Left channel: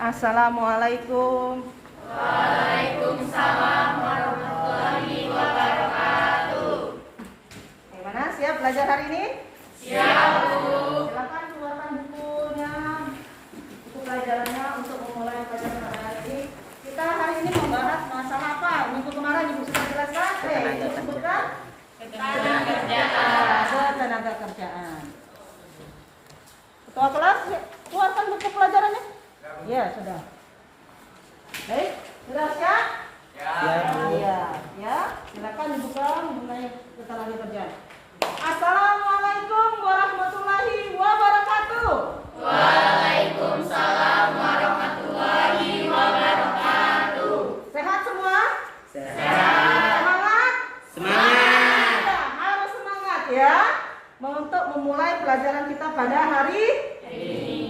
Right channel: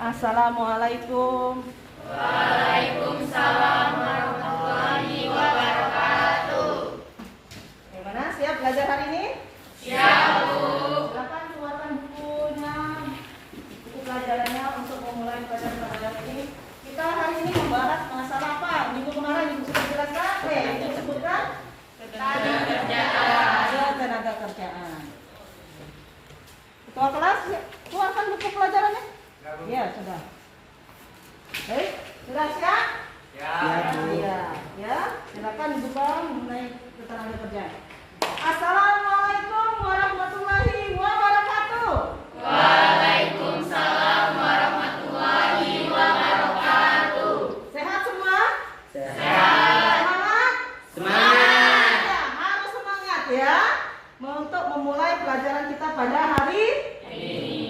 Assalamualaikum. Waalaikumsalam warahmatullahi wabarakatuh. Gimana? Siap belajar hari ini? Siap, Bu. Silakan keluarkan bukunya, buku pelajarannya untuk memulai pelajaran hari ini. Kita hari ini membahas masalah apa? Minggu kemarin Ibu sudah jelaskan. Disebutkan ketenaga kerjaan. Ketua kelas, keluarkan buku pelajarannya. Ya, sudah. Baik, sudah siap? Ya. Silakan dibuka mengenai ketenaga kerjaan. Assalamualaikum warahmatullahi wabarakatuh. Waalaikumsalam warahmatullahi wabarakatuh. Sehat semua? Sehat. Semangat? Semangat. Ya, harus semangat ya. Untuk memulai pelajaran kita pada hari ini.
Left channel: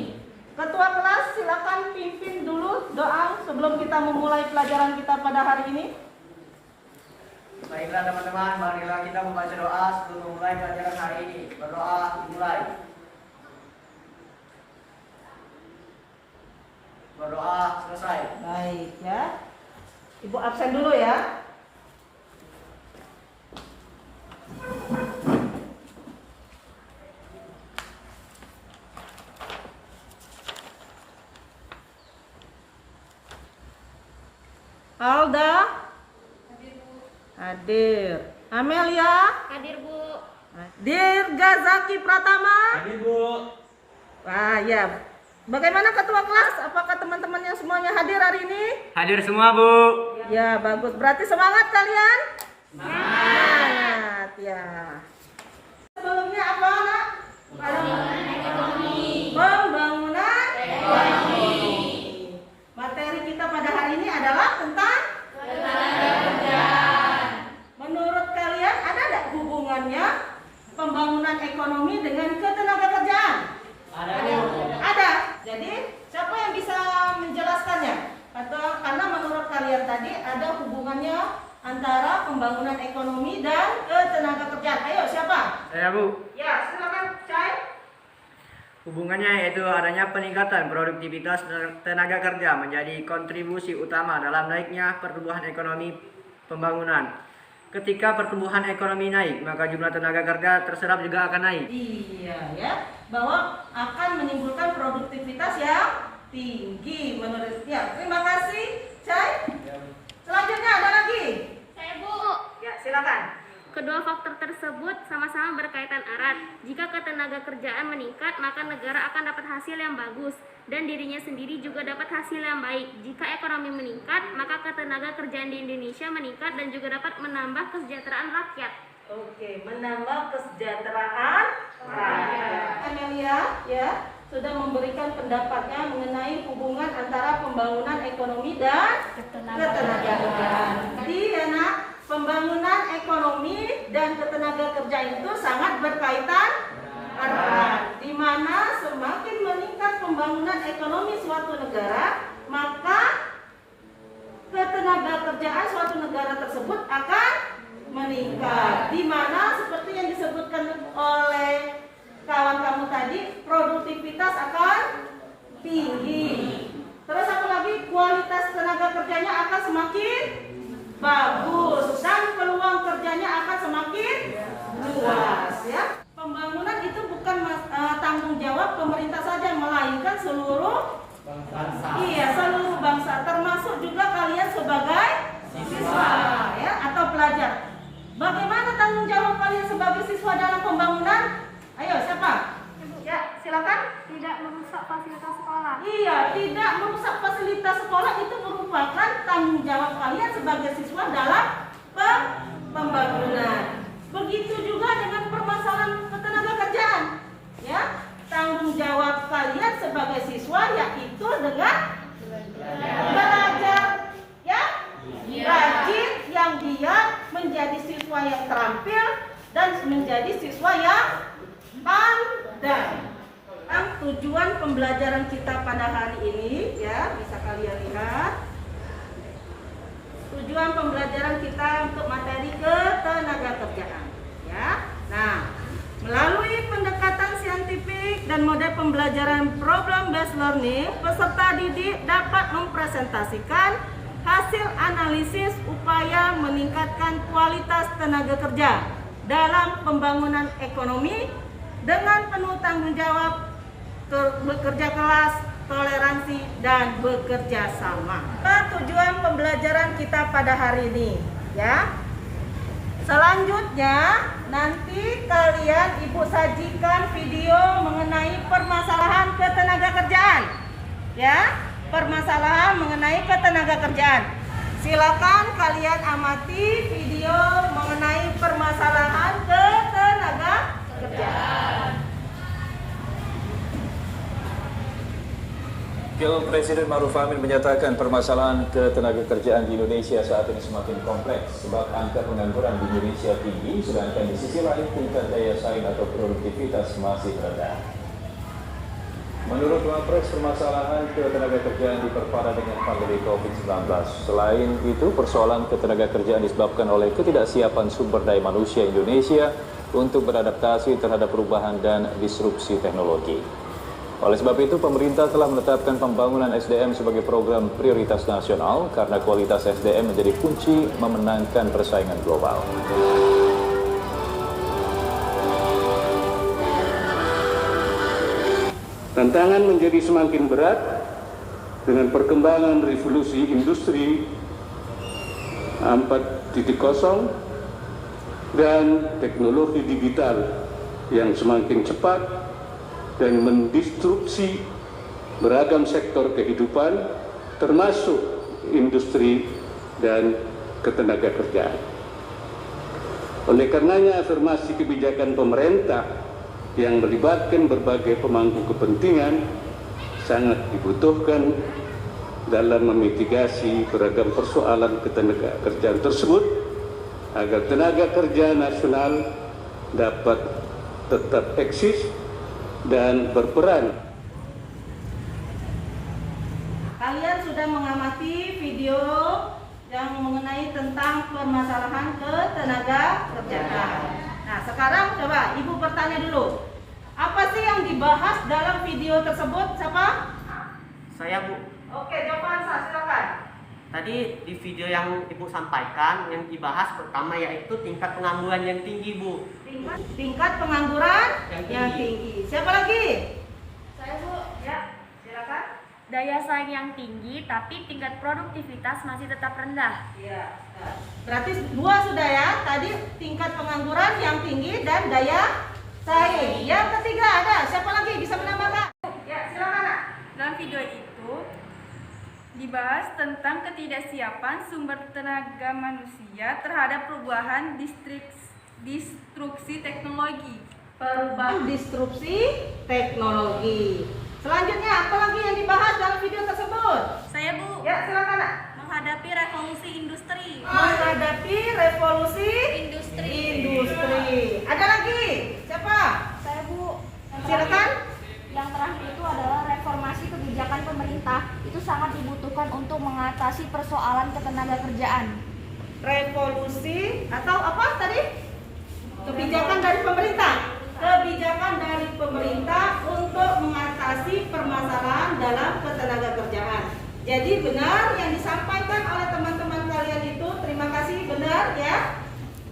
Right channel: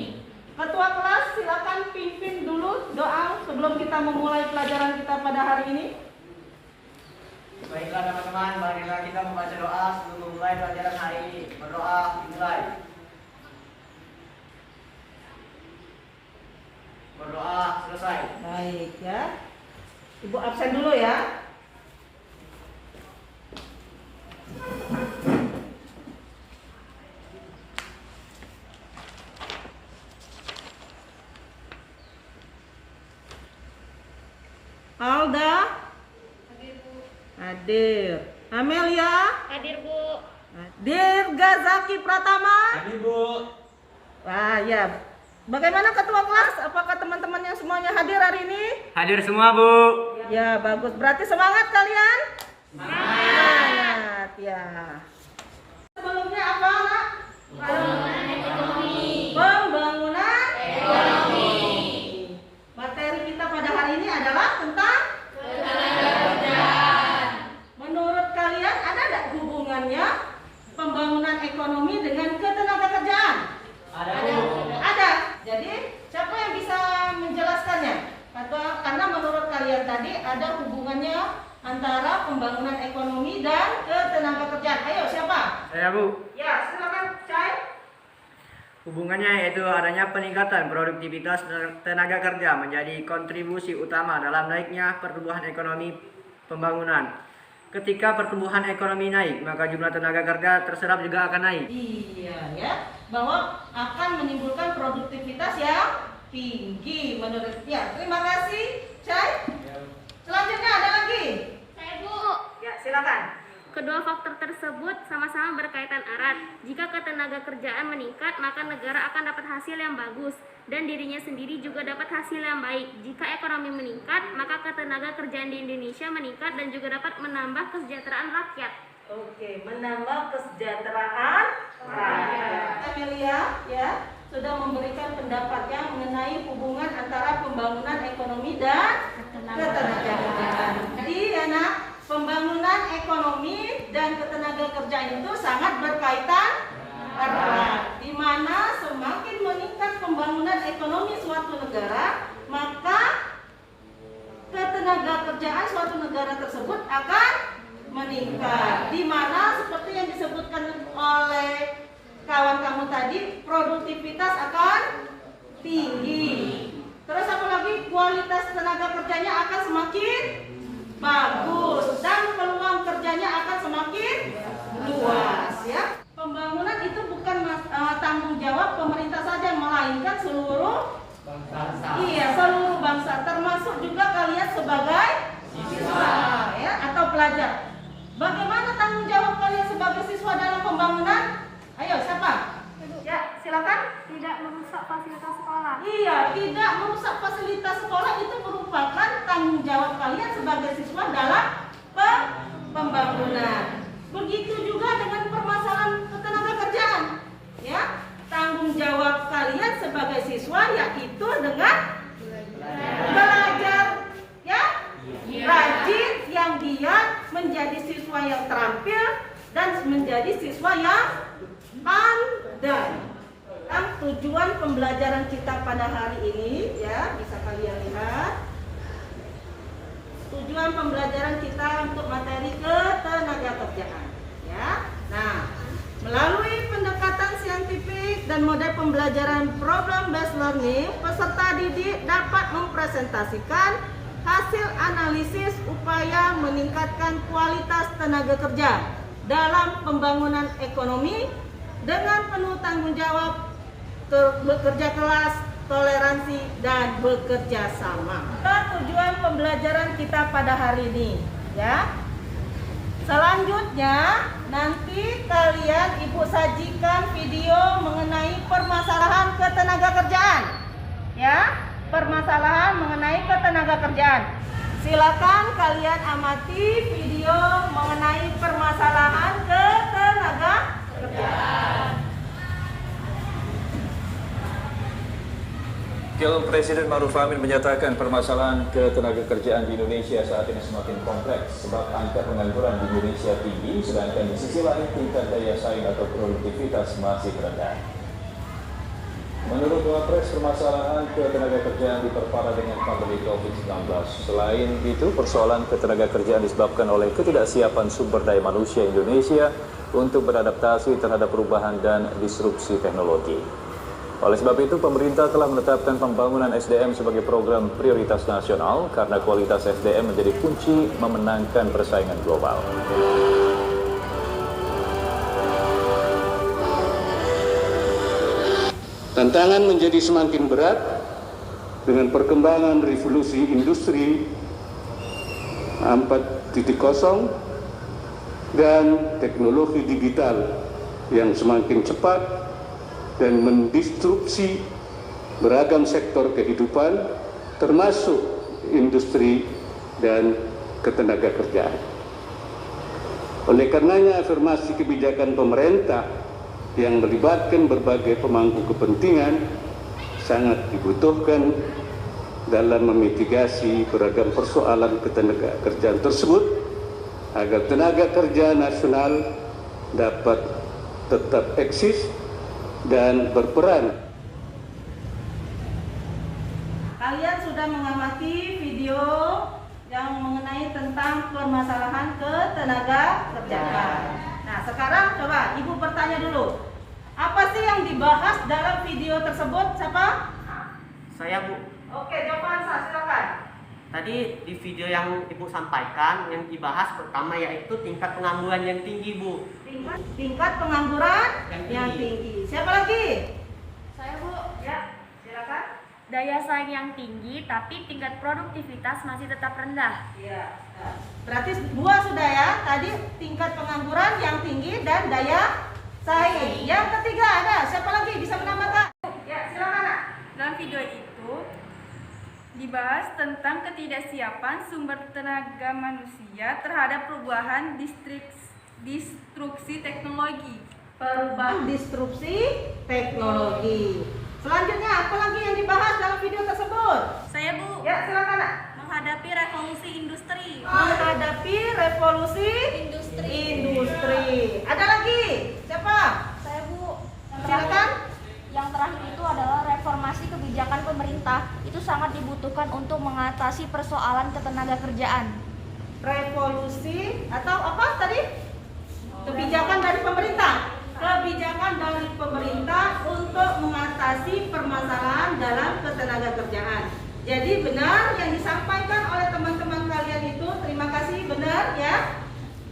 Ketua kelas silakan pimpin dulu doa sebelum kita memulai pelajaran kita pada hari ini. Baiklah teman-teman, marilah kita membaca doa sebelum memulai pelajaran hari ini. Berdoa dimulai. Berdoa selesai. Baik ya. Ibu absen dulu ya. Alda hadir. Amelia Hadir, Bu. hadir. Gazaki Pratama Hadir, Bu. wah ya. Bagaimana ketua kelas? Apakah teman-teman yang semuanya hadir hari ini? Hadir semua, Bu. Ya bagus. Berarti semangat kalian? Semangat ya. Sebelumnya apa nak? Pembangunan ekonomi. Pembangunan ekonomi. Materi kita pada hari ini adalah tentang menurut kalian ada tidak hubungannya pembangunan ekonomi dengan ketenagakerjaan? Ada, Bu. Ada. Jadi siapa yang bisa menjelaskannya? Karena menurut kalian tadi ada hubungannya antara pembangunan ekonomi dan ketenagakerjaan. Ayo siapa? Saya, Bu. Ya silakan Cai. Hubungannya yaitu adanya peningkatan produktivitas tenaga kerja menjadi kontribusi utama dalam naiknya pertumbuhan ekonomi pembangunan. Ketika pertumbuhan ekonomi naik, maka jumlah tenaga kerja terserap juga akan naik. Iya ya, bahwa akan menimbulkan produktivitas yang tinggi menurut ya. Terima kasih Cai. Selanjutnya ada lagi. Saya, Bu. Ya silakan. Kedua faktor tersebut sama-sama berkaitan erat. Jika ketenaga kerjaan meningkat, maka negara akan dapat hasil yang bagus dan dirinya sendiri juga dapat hasil yang baik. Jika ekonomi meningkat, maka ketenaga kerjaan di Indonesia meningkat dan juga dapat menambah kesejahteraan rakyat. Oke, menambah kesejahteraan rakyat. Amelia ya sudah memberikan pendapatnya mengenai hubungan antara pembangunan ekonomi dan ketenagakerjaan. Jadi ya nak, pembangunan ekonomi dan ketenagakerjaan itu sangat berkaitan erat. Di mana semakin meningkat pembangunan ekonomi suatu negara, maka ketenagakerjaan suatu negara tersebut akan meningkat. Di mana seperti yang disebutkan oleh kawan kamu tadi, produktivitas akan tinggi. Terus apa lagi? Kualitas tenaga kerjanya akan semakin bagus dan peluang kerjanya akan semakin luas ya. Pembangunan itu bukan tanggung jawab pemerintah saja, melainkan seluruh bangsa. Iya, seluruh bangsa, termasuk juga kalian sebagai siswa ya atau pelajar. Bagaimana tanggung jawab kalian sebagai siswa dalam pembangunan? Ayo, siapa? Ya, silakan. Tidak merusak fasilitas sekolah. Iya, tidak merusak fasilitas sekolah itu merupakan tanggung jawab kalian sebagai siswa dalam pembangunan. Begitu juga dengan permasalahan ketenagakerjaan. Ya, tanggung jawab kalian sebagai siswa yaitu dengan belajar ya, rajin yang dia menjadi siswa yang terampil dan menjadi siswa yang pandai. Tujuan pembelajaran kita pada hari ini ya bisa kalian lihat. Tujuan pembelajaran kita untuk materi ketenagakerjaan ya. Nah, Melalui pendekatan saintifik dan model pembelajaran problem based learning, peserta didik dapat mempresentasikan hasil analisis upaya meningkatkan kualitas tenaga kerja dalam pembangunan ekonomi dengan penuh tanggung jawab, bekerja keras, toleransi, dan bekerja sama. Tujuan pembelajaran kita pada hari ini, ya. Selanjutnya nanti kalian ibu sajikan video mengenai permasalahan ketenagakerjaan, ya, permasalahan mengenai ketenagakerjaan. Silakan kalian amati video mengenai permasalahan ketenagakerjaan. Wakil Presiden Ma'ruf Amin menyatakan permasalahan ketenagakerjaan di Indonesia saat ini semakin kompleks sebab angka pengangguran di Indonesia tinggi, sedangkan di sisi lain tingkat daya saing atau produktivitas masih rendah. Menurut Wapres, permasalahan ketenagakerjaan diperparah dengan pandemi COVID-19. Selain itu, persoalan ketenagakerjaan disebabkan oleh ketidaksiapan sumber daya manusia Indonesia untuk beradaptasi terhadap perubahan dan disrupsi teknologi. Oleh sebab itu, pemerintah telah menetapkan pembangunan SDM sebagai program prioritas nasional karena kualitas SDM menjadi kunci memenangkan persaingan global. Tantangan menjadi semakin berat dengan perkembangan revolusi industri 4.0 dan teknologi digital yang semakin cepat dan mendistrupsi beragam sektor kehidupan termasuk industri dan ketenagakerjaan. Oleh karenanya afirmasi kebijakan pemerintah yang melibatkan berbagai pemangku kepentingan sangat dibutuhkan dalam memitigasi beragam persoalan ketenagakerjaan tersebut agar tenaga kerja nasional dapat tetap eksis dan berperan. Kalian sudah mengamati video yang mengenai tentang permasalahan ketenagakerjaan. Nah, sekarang coba Ibu bertanya dulu. Apa sih yang dibahas dalam video tersebut? Siapa? Saya, Bu. Oke, jawaban saya, silakan. Tadi di video yang Ibu sampaikan, yang dibahas pertama yaitu tingkat pengangguran yang tinggi, Bu. Tingkat pengangguran yang tinggi. Siapa lagi? Saya, Bu. Ya, silakan. Daya saing yang tinggi tapi tingkat produktivitas masih tetap rendah. Iya. Berarti dua sudah ya. Tadi tingkat pengangguran yang tinggi dan daya saing. Yang ketiga ada. Siapa lagi bisa menambahkan? Ya, silakan, Nak. Dalam video itu dibahas tentang ketidaksiapan sumber tenaga manusia terhadap perubahan disrupsi teknologi. Perubahan disrupsi teknologi. Selanjutnya apa lagi yang dibahas dalam video tersebut? Saya, Bu. Ya, silakan, Nak. Menghadapi revolusi industri. Menghadapi revolusi industri. Ada lagi? Siapa? Saya, Bu. Silakan. Yang terakhir itu adalah reformasi kebijakan pemerintah. Itu sangat dibutuhkan untuk mengatasi persoalan ketenagakerjaan. Revolusi atau apa tadi? Kebijakan dari pemerintah. Kebijakan dari pemerintah untuk mengatasi permasalahan dalam ketenagakerjaan. Jadi benar yang disampaikan oleh teman-teman kalian itu, terima kasih, benar ya.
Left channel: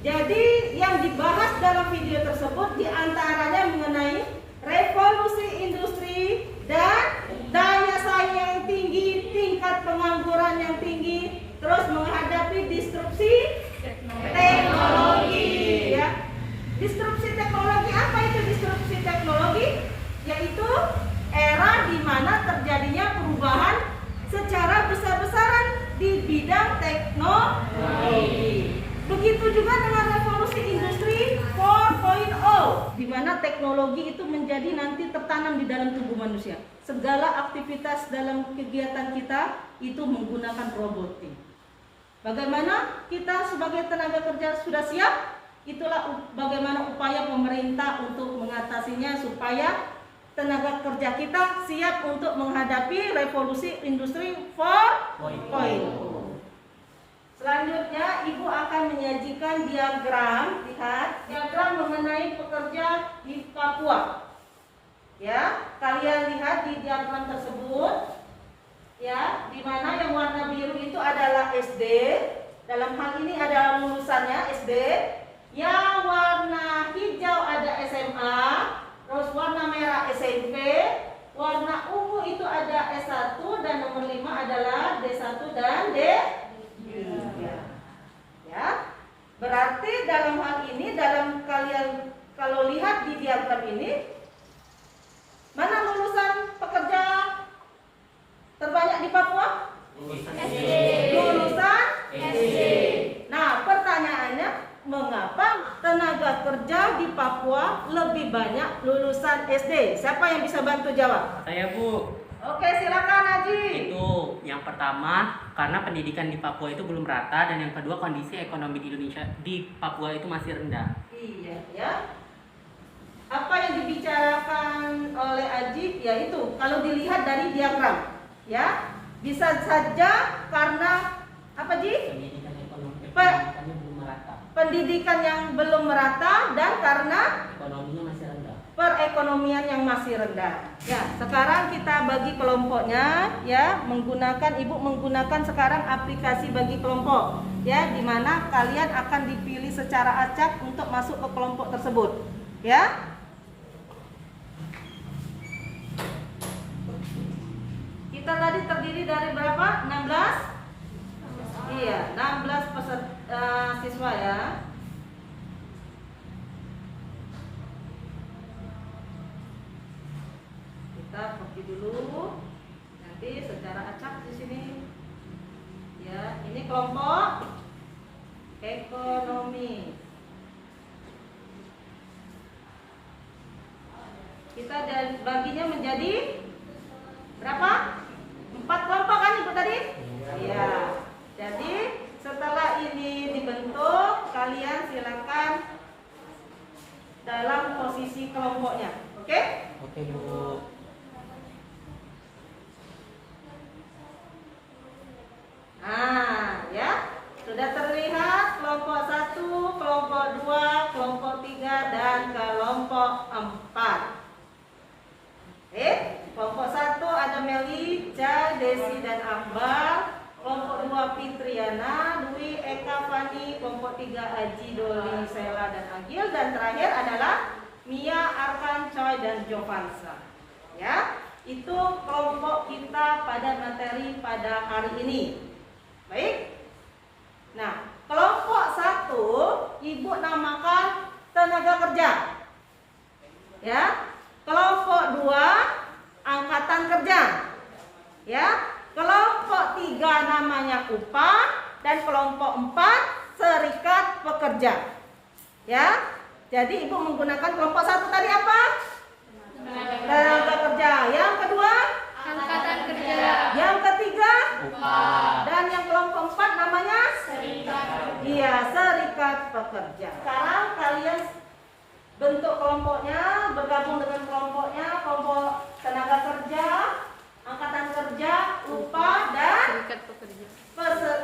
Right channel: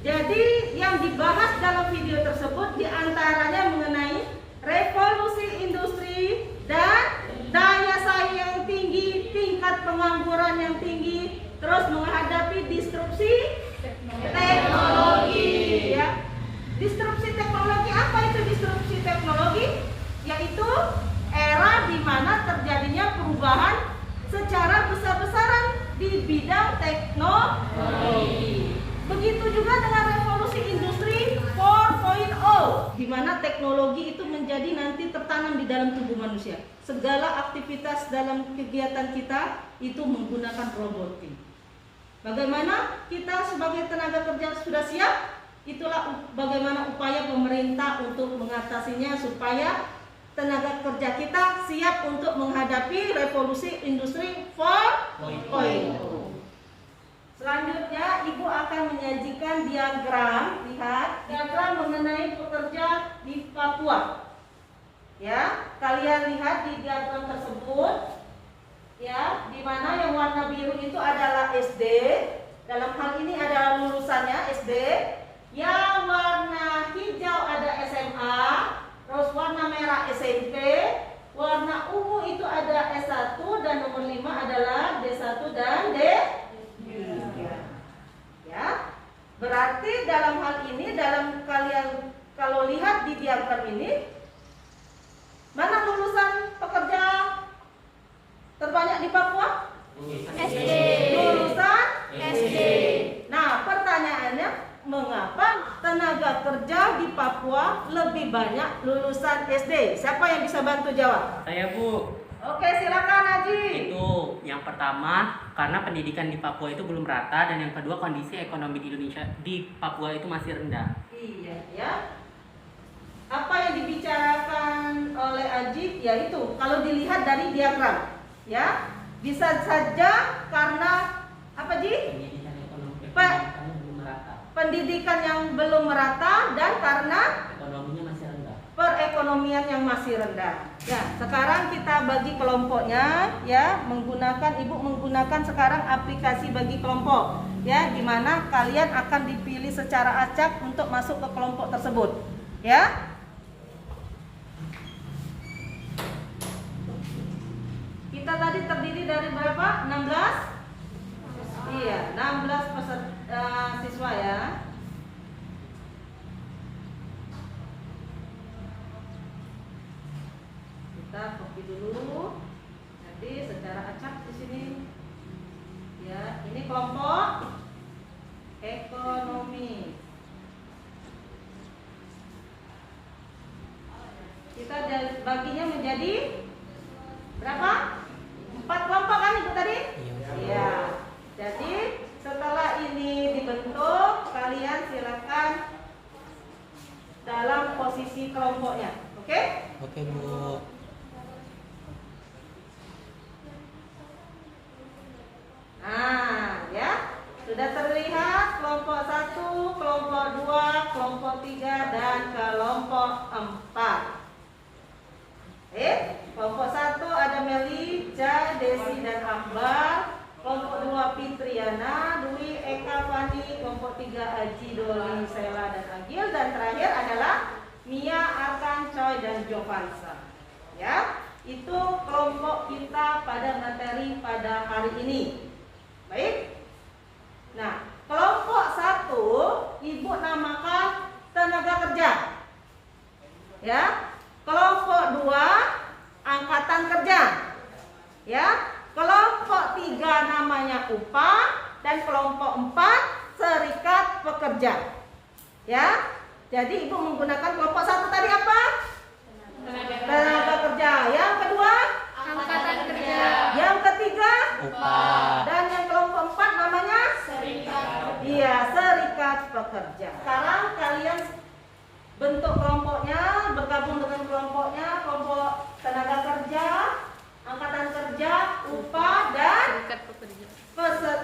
Jadi yang dibahas dalam video tersebut diantaranya mengenai revolusi industri dan daya saing yang tinggi, tingkat pengangguran yang tinggi, terus menghadapi disrupsi teknologi ya. Disrupsi teknologi, apa itu disrupsi teknologi? Yaitu era di mana terjadinya perubahan secara besar-besaran di bidang teknologi. Begitu juga dengan revolusi industri 4.0, di mana teknologi itu menjadi nanti tertanam di dalam tubuh manusia. Segala aktivitas dalam kegiatan kita itu menggunakan robotik. Bagaimana kita sebagai tenaga kerja sudah siap? Itulah bagaimana upaya pemerintah untuk mengatasinya supaya tenaga kerja kita siap untuk menghadapi revolusi industri 4.0. Selanjutnya, Ibu akan menyajikan diagram, lihat, diagram mengenai pekerja di Papua. Ya, kalian lihat di diagram tersebut, ya, di mana yang warna biru itu adalah SD. Dalam hal ini ada lulusannya SD. Yang warna hijau ada SMA, terus warna merah SMP, warna ungu itu ada S1, dan nomor 5 adalah D1 dan D3. Ya, berarti dalam hal ini, dalam kalian kalau lihat di diagram ini, mana lulusan pekerja terbanyak di Papua? SD. Lulusan SD. Nah, pertanyaannya, mengapa tenaga kerja di Papua lebih banyak lulusan SD? Siapa yang bisa bantu jawab? Saya, Bu. Oke, silakan Haji. Itu yang pertama, karena pendidikan di Papua itu belum rata, dan yang kedua kondisi ekonomi di Indonesia di Papua itu masih rendah. Iya, ya. Apa yang dibicarakan oleh Ajib yaitu kalau dilihat dari diagram, ya, bisa saja karena apa, Ji? Pendidikan ekonomi pendidikannya belum merata. Pendidikan yang belum merata dan karena Ekonominya masih rendah. perekonomian yang masih rendah. Ya, sekarang kita bagi kelompoknya, ya, Ibu menggunakan sekarang aplikasi bagi kelompok, ya, di mana kalian akan dipilih secara acak untuk masuk ke kelompok tersebut, ya. Kita tadi terdiri dari berapa? 16? Iya, 16 siswa, ya. Kita copy dulu. Nanti secara acak di sini. Ya, ini kelompok ekonomi. Kita baginya menjadi berapa? 4 kelompok kan Ibu tadi? Iya. Jadi setelah ini dibentuk, kalian silakan dalam posisi kelompoknya. Oke? Oke, Bu. Nah, ya. Sudah terlihat kelompok 1, kelompok 2, kelompok 3 dan kelompok 4. Kelompok 1 ada Meli, Jai, Desi dan Akbar. Kelompok 2 Fitriana, Dwi, Eka, Fani. Kelompok 3 Aji, Doli, Sela dan Agil. Dan terakhir adalah Mia, Arkan, Choi dan Jovansa. Ya, itu kelompok kita pada materi pada hari ini. Baik. Nah, kelompok 1 Ibu namakan tenaga kerja. Ya. Kelompok 2 angkatan kerja. Ya. Kelompok 3 namanya upah dan kelompok 4 serikat pekerja. Ya. Jadi Ibu menggunakan kelompok 1 tadi apa? Tenaga kerja. Yang kedua Angkatan kerja. Yang ketiga Upah. dan yang kelompok 4 namanya Serikat. iya, serikat pekerja. Sekarang kalian bentuk kelompoknya, bergabung dengan kelompoknya, kelompok tenaga kerja, angkatan kerja, upah dan Serikat pekerja.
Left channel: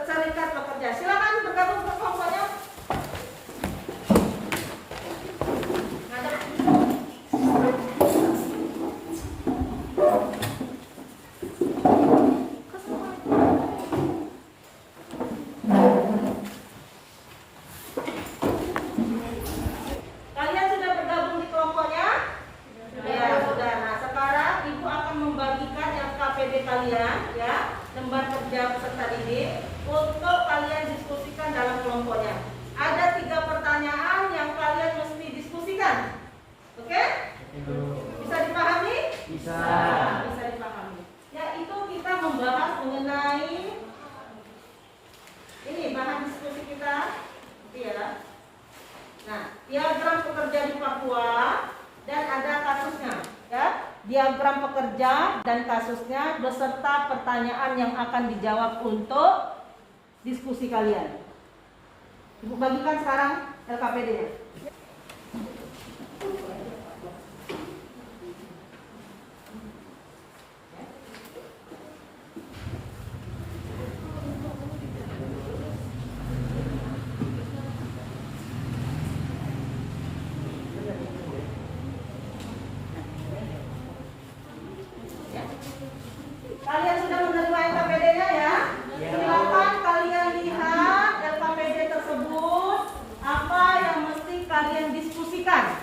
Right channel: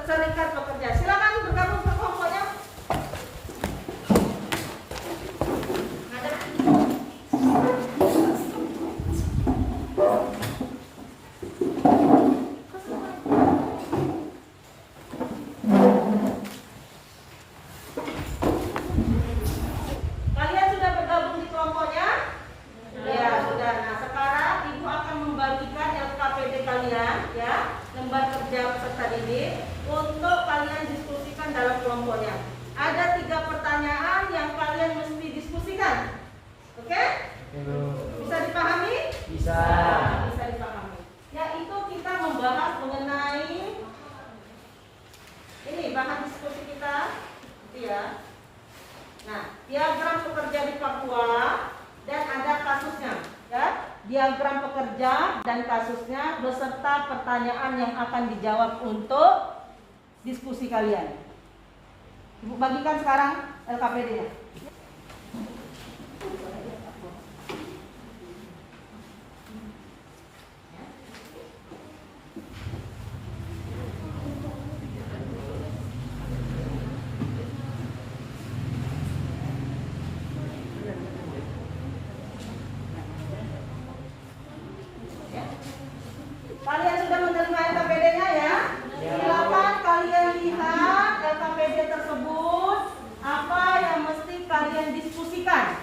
serikat pekerja. Silakan bergabung ke kelompoknya. Ngadep. Kalian sudah bergabung di kelompoknya? Ya, sudah. Nah, sekarang Ibu akan membagikan LKPD kalian, ya, lembar kerja peserta didik, untuk kalian diskusikan dalam kelompoknya. Ada 3 pertanyaan yang kalian mesti diskusikan. Oke? Bisa dipahami? Bisa. Bisa dipahami. Yaitu kita membahas mengenai ini bahan diskusi kita, gitu ya. Nah, diagram pekerja di Papua dan ada kasusnya, ya. Diagram pekerja dan kasusnya beserta pertanyaan yang akan dijawab untuk diskusi kalian. Ibu bagikan sekarang LKPD-nya. menerima LKPD-nya ya? Silakan kalian lihat LKPD tersebut, apa yang mesti kalian diskusikan.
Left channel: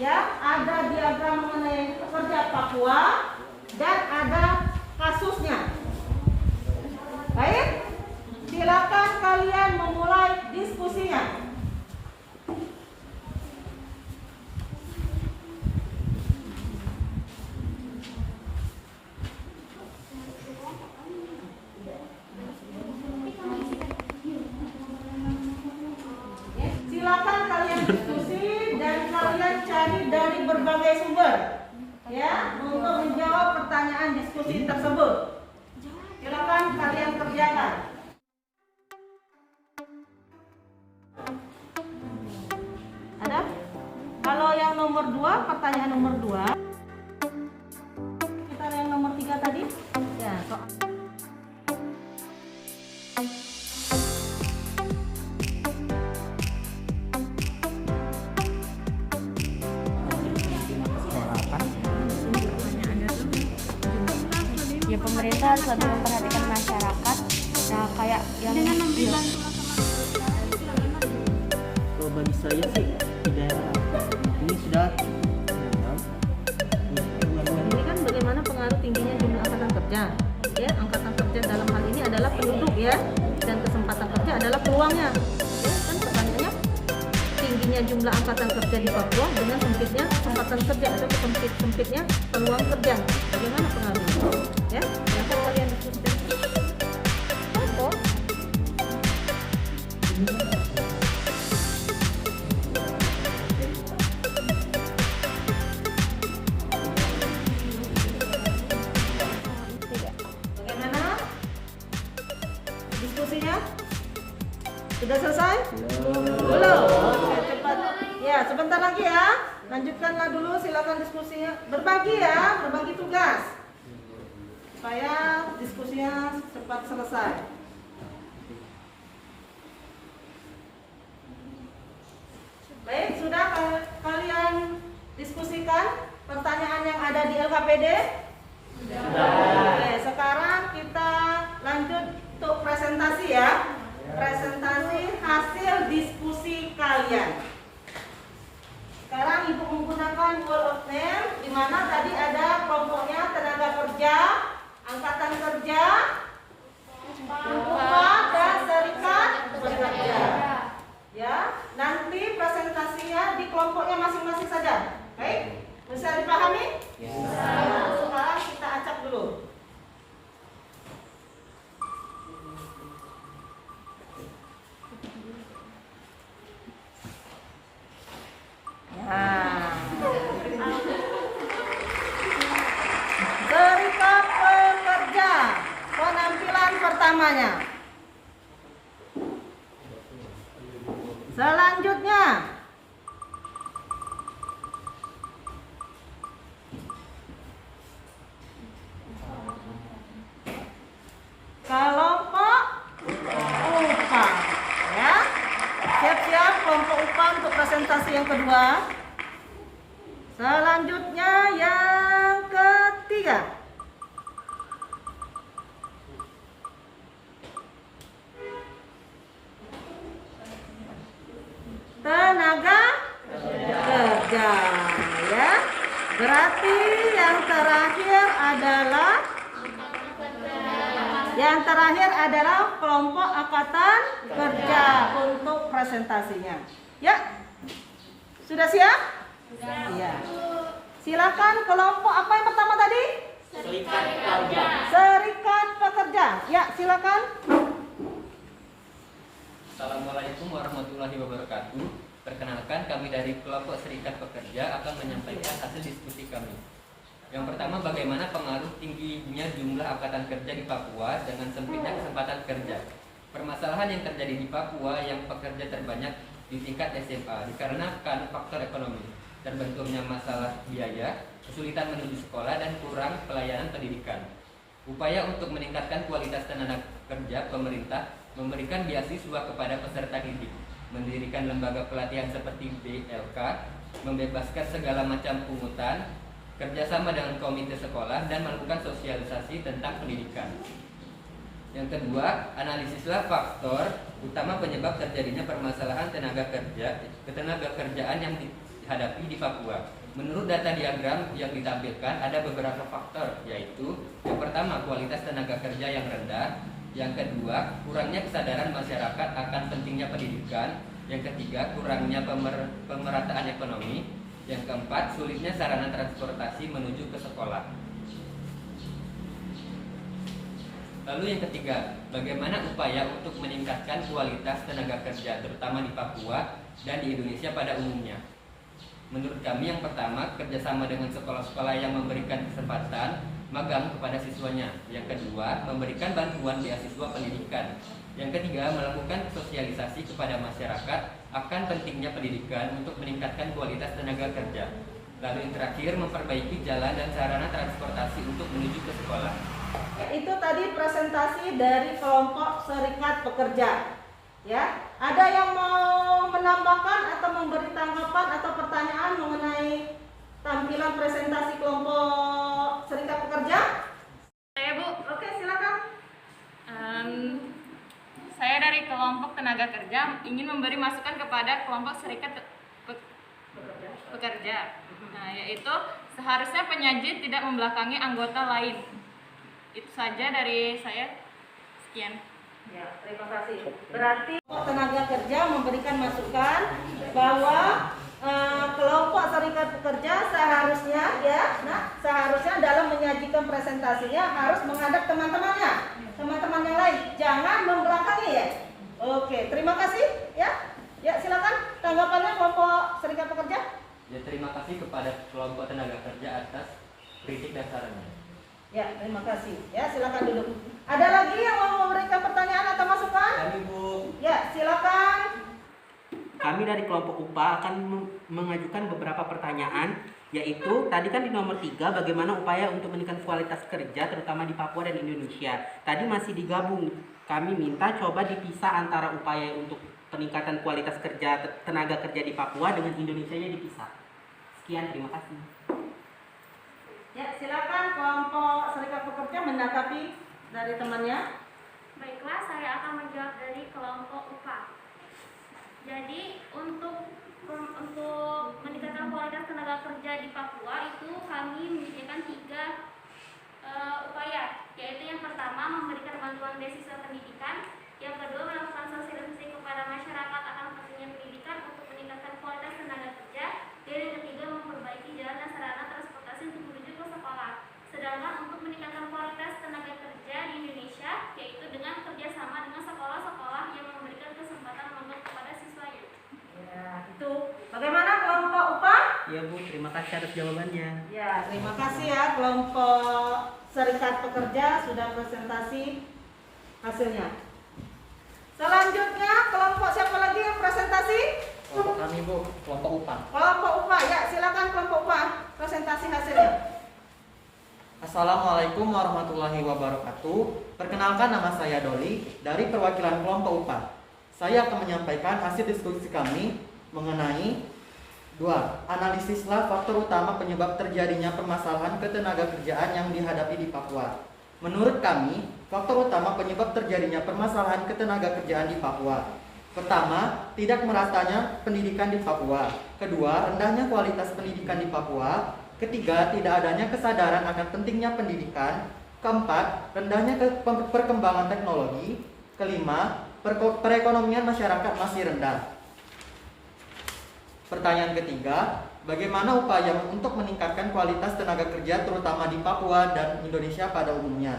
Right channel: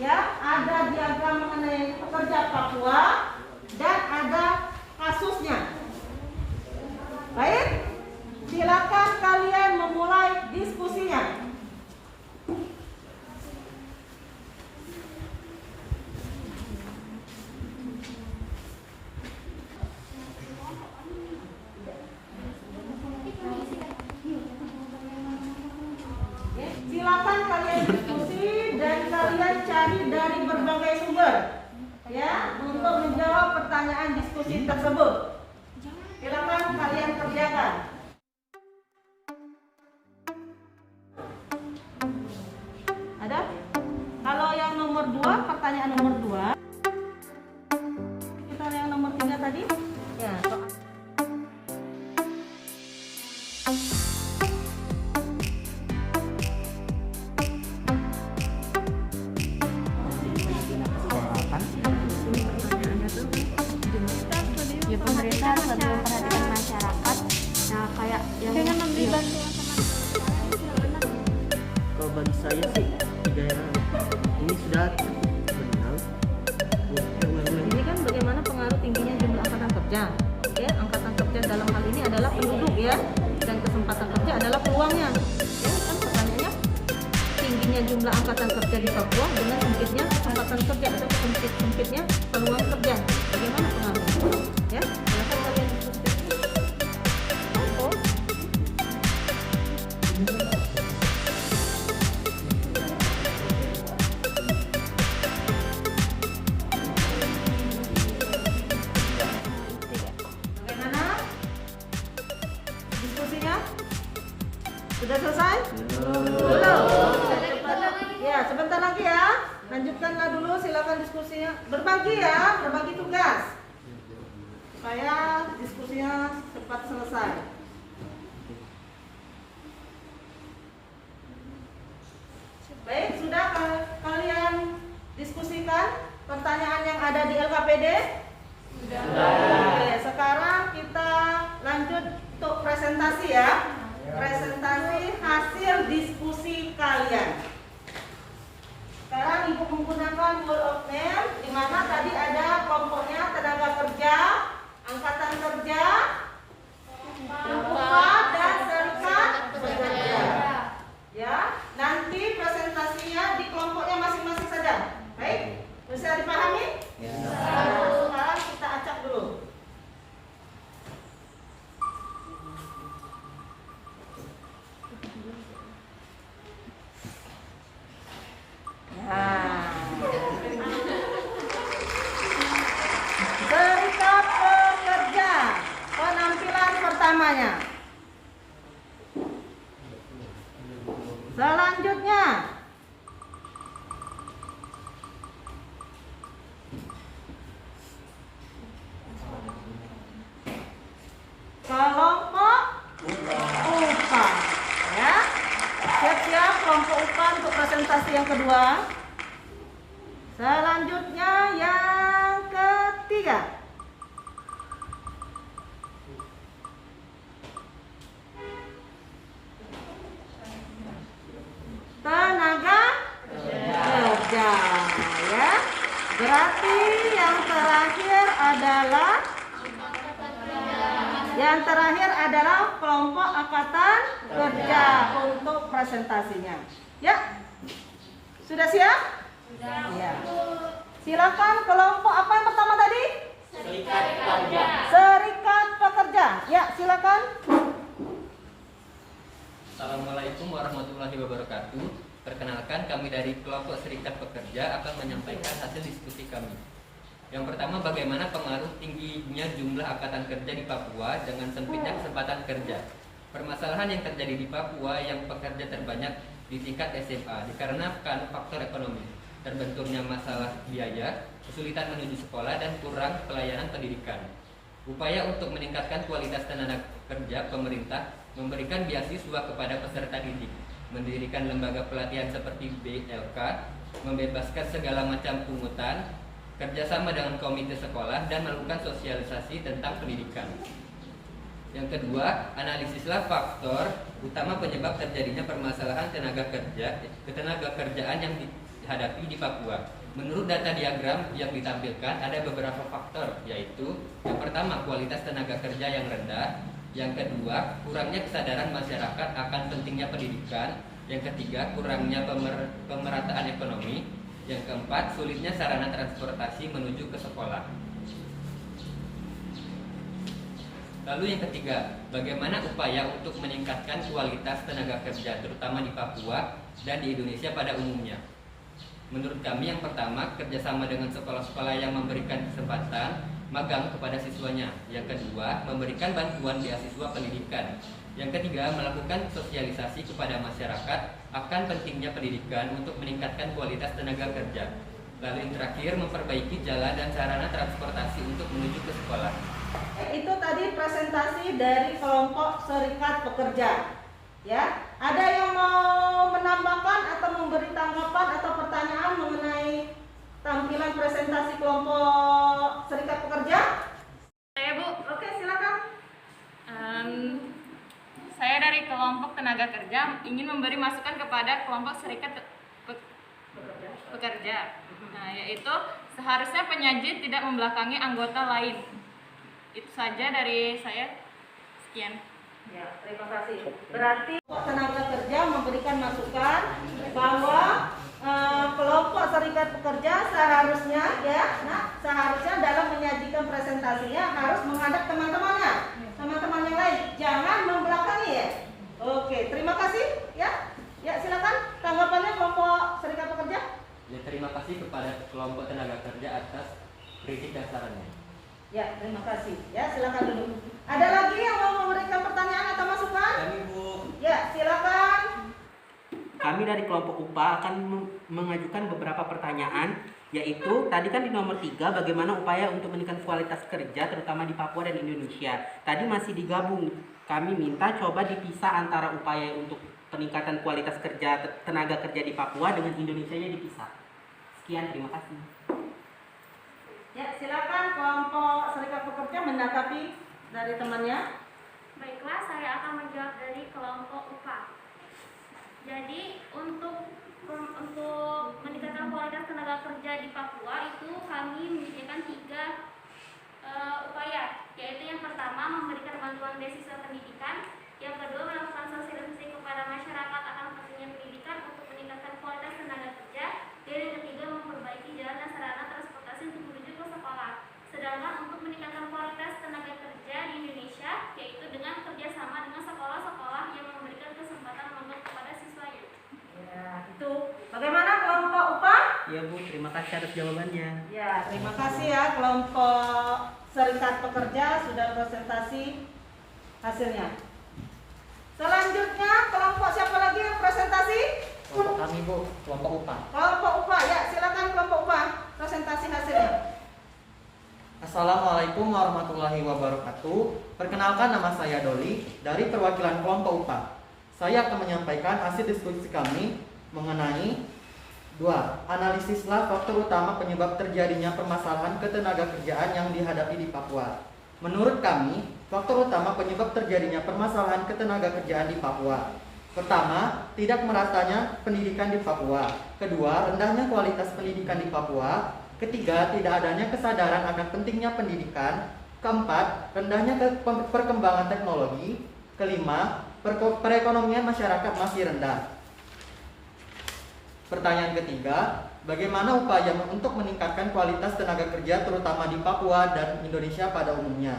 Ya, ada diagram mengenai pekerja Papua dan ada kasusnya. Baik, silakan kalian memulai diskusinya. Silakan kalian diskusi dan kalian cari dari berbagai sumber ya untuk menjawab pertanyaan diskusi tersebut. Silakan kalian kerjakan. Ada? Kalau yang nomor 2, pertanyaan nomor 2. Kita yang nomor 3 tadi? Ya, Ya pemerintah harus lebih memperhatikan masyarakat. Nah kayak yang Kalau bagi saya sih daerah ini sudah menang. ini kan bagaimana pengaruh tingginya jumlah angkatan kerja. Ya, angkatan kerja dalam hal ini adalah penduduk ya, dan kesempatan kerja adalah peluangnya. Ya, kan pertanyaannya tingginya jumlah angkatan kerja di Papua dengan sempitnya kesempatan kerja atau sempitnya peluang kerja. Bagaimana pengaruhnya? Ya, silakan kalian diskusikan. Apa? Bagaimana diskusinya? Sudah selesai? Belum. Ya, sebentar lagi ya. Lanjutkanlah dulu, silakan diskusinya. Berbagi ya, berbagi tugas. Supaya diskusinya cepat selesai. Baik, sudah kalian diskusikan pertanyaan yang ada di LKPD? Oke, sekarang kita lanjut untuk presentasi ya. Presentasi hasil diskusi kalian. Sekarang Ibu menggunakan Word of Name, di mana tadi ada kelompoknya tenaga kerja, angkatan kerja, upah dan serikat pekerja. Ya, nanti presentasinya di kelompoknya masing-masing saja. Baik, bisa dipahami? Ya. Nah, sekarang kita acak dulu. Nah. Serikat pekerja, penampilan pertamanya. Selanjutnya, kelompok upah. Ya, siap-siap kelompok upah untuk presentasi yang kedua. Selanjutnya yang ketiga, tenaga kerja. Ya, berarti yang terakhir adalah kelompok angkatan kerja untuk presentasinya. Ya, sudah siap? Ya. Silakan kelompok apa yang pertama tadi? Serikat pekerja. Serikat pekerja. Ya, silakan. Assalamualaikum warahmatullahi wabarakatuh. Perkenalkan, kami dari kelompok Serikat Pekerja akan menyampaikan hasil diskusi kami. Yang pertama, bagaimana pengaruh tingginya jumlah angkatan kerja di Papua dengan sempitnya kesempatan kerja. Permasalahan yang terjadi di Papua yang pekerja terbanyak di tingkat SMA dikarenakan faktor ekonomi, terbenturnya masalah biaya, kesulitan menuju sekolah, dan kurang pelayanan pendidikan. Upaya untuk meningkatkan kualitas tenaga kerja, pemerintah memberikan beasiswa kepada peserta didik, mendirikan lembaga pelatihan seperti BLK, membebaskan segala macam pungutan, kerjasama dengan komite sekolah, dan melakukan sosialisasi tentang pendidikan. Yang kedua, analisislah faktor utama penyebab terjadinya permasalahan ketenagakerjaan yang dihadapi di Papua. Menurut data diagram yang ditampilkan, ada beberapa faktor, yaitu yang pertama, kualitas tenaga kerja yang rendah. Yang kedua, kurangnya kesadaran masyarakat akan pentingnya pendidikan. Yang ketiga, kurangnya pemerataan ekonomi. Yang keempat, sulitnya sarana transportasi menuju ke sekolah. Lalu yang ketiga, bagaimana upaya untuk meningkatkan kualitas tenaga kerja terutama di Papua dan di Indonesia pada umumnya? Menurut kami yang pertama, kerjasama dengan sekolah-sekolah yang memberikan kesempatan magang kepada siswanya. Yang kedua, memberikan bantuan beasiswa pendidikan. Yang ketiga, melakukan sosialisasi kepada masyarakat akan pentingnya pendidikan untuk meningkatkan kualitas tenaga kerja. Lalu yang terakhir, memperbaiki jalan dan sarana transportasi untuk menuju ke sekolah. Itu tadi presentasi dari kelompok serikat pekerja. Ya, ada yang mau menambahkan atau memberi tanggapan atau pertanyaan mengenai tampilan presentasi kelompok serikat pekerja? Saya, Bu. Oke, silakan. Saya dari kelompok tenaga kerja ingin memberi masukan kepada kelompok serikat pekerja. Nah, yaitu seharusnya penyaji tidak membelakangi anggota lain. Itu saja dari saya. Sekian. Ya, terima kasih. Berarti tenaga kerja memberikan masukan bahwa kelompok serikat pekerja seharusnya seharusnya dalam menyajikan presentasinya harus menghadap teman-temannya, teman-teman yang lain, jangan membelakangi ya. Oke, terima kasih ya. Ya, silakan tanggapannya kelompok serikat pekerja. Ya, terima kasih kepada kelompok tenaga kerja atas kritik dan sarannya. Ya, terima kasih. Ya, silakan duduk. Ada lagi yang mau memberikan pertanyaan atau masukan? Kami, Bu. Ya, silakan. Kami dari kelompok UPA akan mengajukan beberapa pertanyaan, yaitu tadi kan di nomor 3, bagaimana upaya untuk meningkatkan kualitas kerja terutama di Papua dan Indonesia. Tadi masih digabung. Kami minta coba dipisah antara upaya untuk peningkatan kualitas kerja tenaga kerja di Papua dengan Indonesianya dipisah. Sekian, terima kasih. Ya, silakan kelompok serikat pekerja menanggapi dari temannya. Baiklah, saya akan menjawab dari kelompok UPA. Jadi untuk meningkatkan kualitas tenaga kerja di Papua itu kami menyediakan 3 upaya, yaitu yang pertama memberikan bantuan beasiswa pendidikan, yang kedua melakukan sosialisasi kepada masyarakat akan pentingnya pendidikan untuk meningkatkan kualitas tenaga kerja, dan yang ketiga memperbaiki jalan dan sarana transportasi untuk menuju ke sekolah. Sedangkan untuk meningkatkan kualitas tenaga kerja di Indonesia, yaitu dengan kerjasama dengan sekolah-sekolah yang memberikan kesempatan magang kepada siswanya. Ya, itu. Bagaimana kelompok UPA? Ya, Bu, terima kasih atas jawabannya. Ya, terima kasih ya kelompok serikat pekerja sudah presentasi hasilnya. Selanjutnya kelompok siapa lagi yang presentasi? Kelompok kami, Bu, kelompok UPA. Kelompok UPA, ya silakan kelompok UPA presentasi hasilnya. Assalamualaikum warahmatullahi wabarakatuh. Perkenalkan, nama saya Doli dari perwakilan kelompok UPA. Saya akan menyampaikan hasil diskusi kami mengenai 2. Analisislah faktor utama penyebab terjadinya permasalahan ketenagakerjaan yang dihadapi di Papua. Menurut kami, faktor utama penyebab terjadinya permasalahan ketenagakerjaan di Papua. Pertama, tidak meratanya pendidikan di Papua. Kedua, rendahnya kualitas pendidikan di Papua. Ketiga, tidak adanya kesadaran akan pentingnya pendidikan. Keempat, rendahnya perkembangan teknologi. Kelima, perekonomian masyarakat masih rendah. Pertanyaan ketiga, bagaimana upaya untuk meningkatkan kualitas tenaga kerja terutama di Papua dan Indonesia pada umumnya?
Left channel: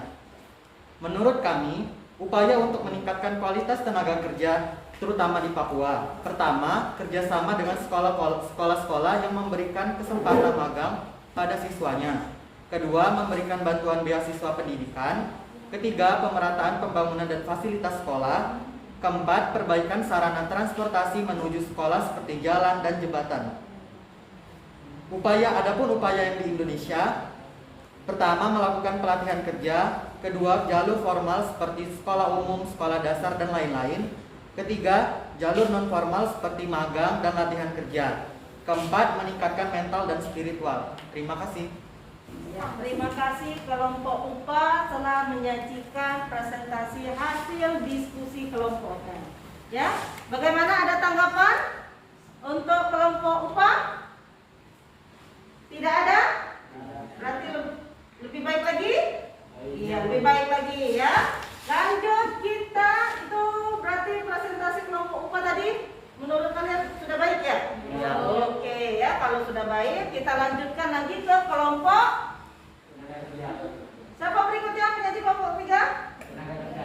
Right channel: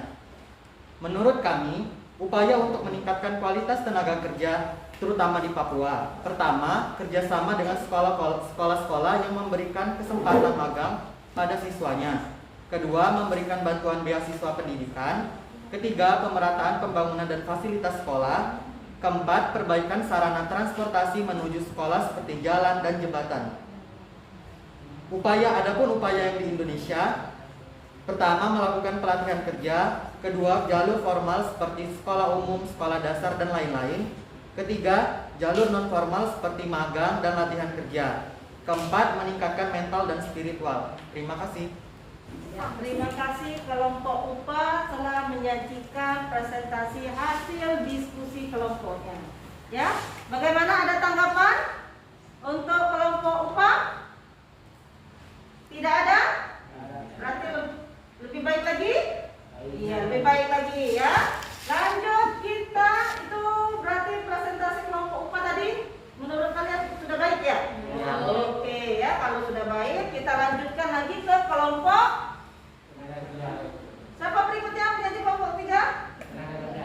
Menurut kami, upaya untuk meningkatkan kualitas tenaga kerja terutama di Papua. Pertama, kerjasama dengan sekolah-sekolah yang memberikan kesempatan magang pada siswanya. Kedua, memberikan bantuan beasiswa pendidikan. Ketiga, pemerataan pembangunan dan fasilitas sekolah. Keempat, perbaikan sarana transportasi menuju sekolah seperti jalan dan jembatan. Adapun upaya yang di Indonesia, pertama, melakukan pelatihan kerja. Kedua, jalur formal seperti sekolah umum, sekolah dasar, dan lain-lain. Ketiga, jalur non formal seperti magang dan latihan kerja. Keempat, meningkatkan mental dan spiritual. Terima kasih. Terima kasih kelompok UPA telah menyajikan presentasi hasil diskusi kelompoknya. Ya, bagaimana, ada tanggapan untuk kelompok UPA? Tidak ada? Berarti lebih baik lagi? Iya, lebih baik lagi ya. Lanjut, kita itu berarti presentasi kelompok UPA tadi menurut kalian sudah baik ya? Ya. Oke ya, kalau sudah baik kita lanjutkan lagi ke kelompok. Siapa berikutnya menjadi kelompok 3?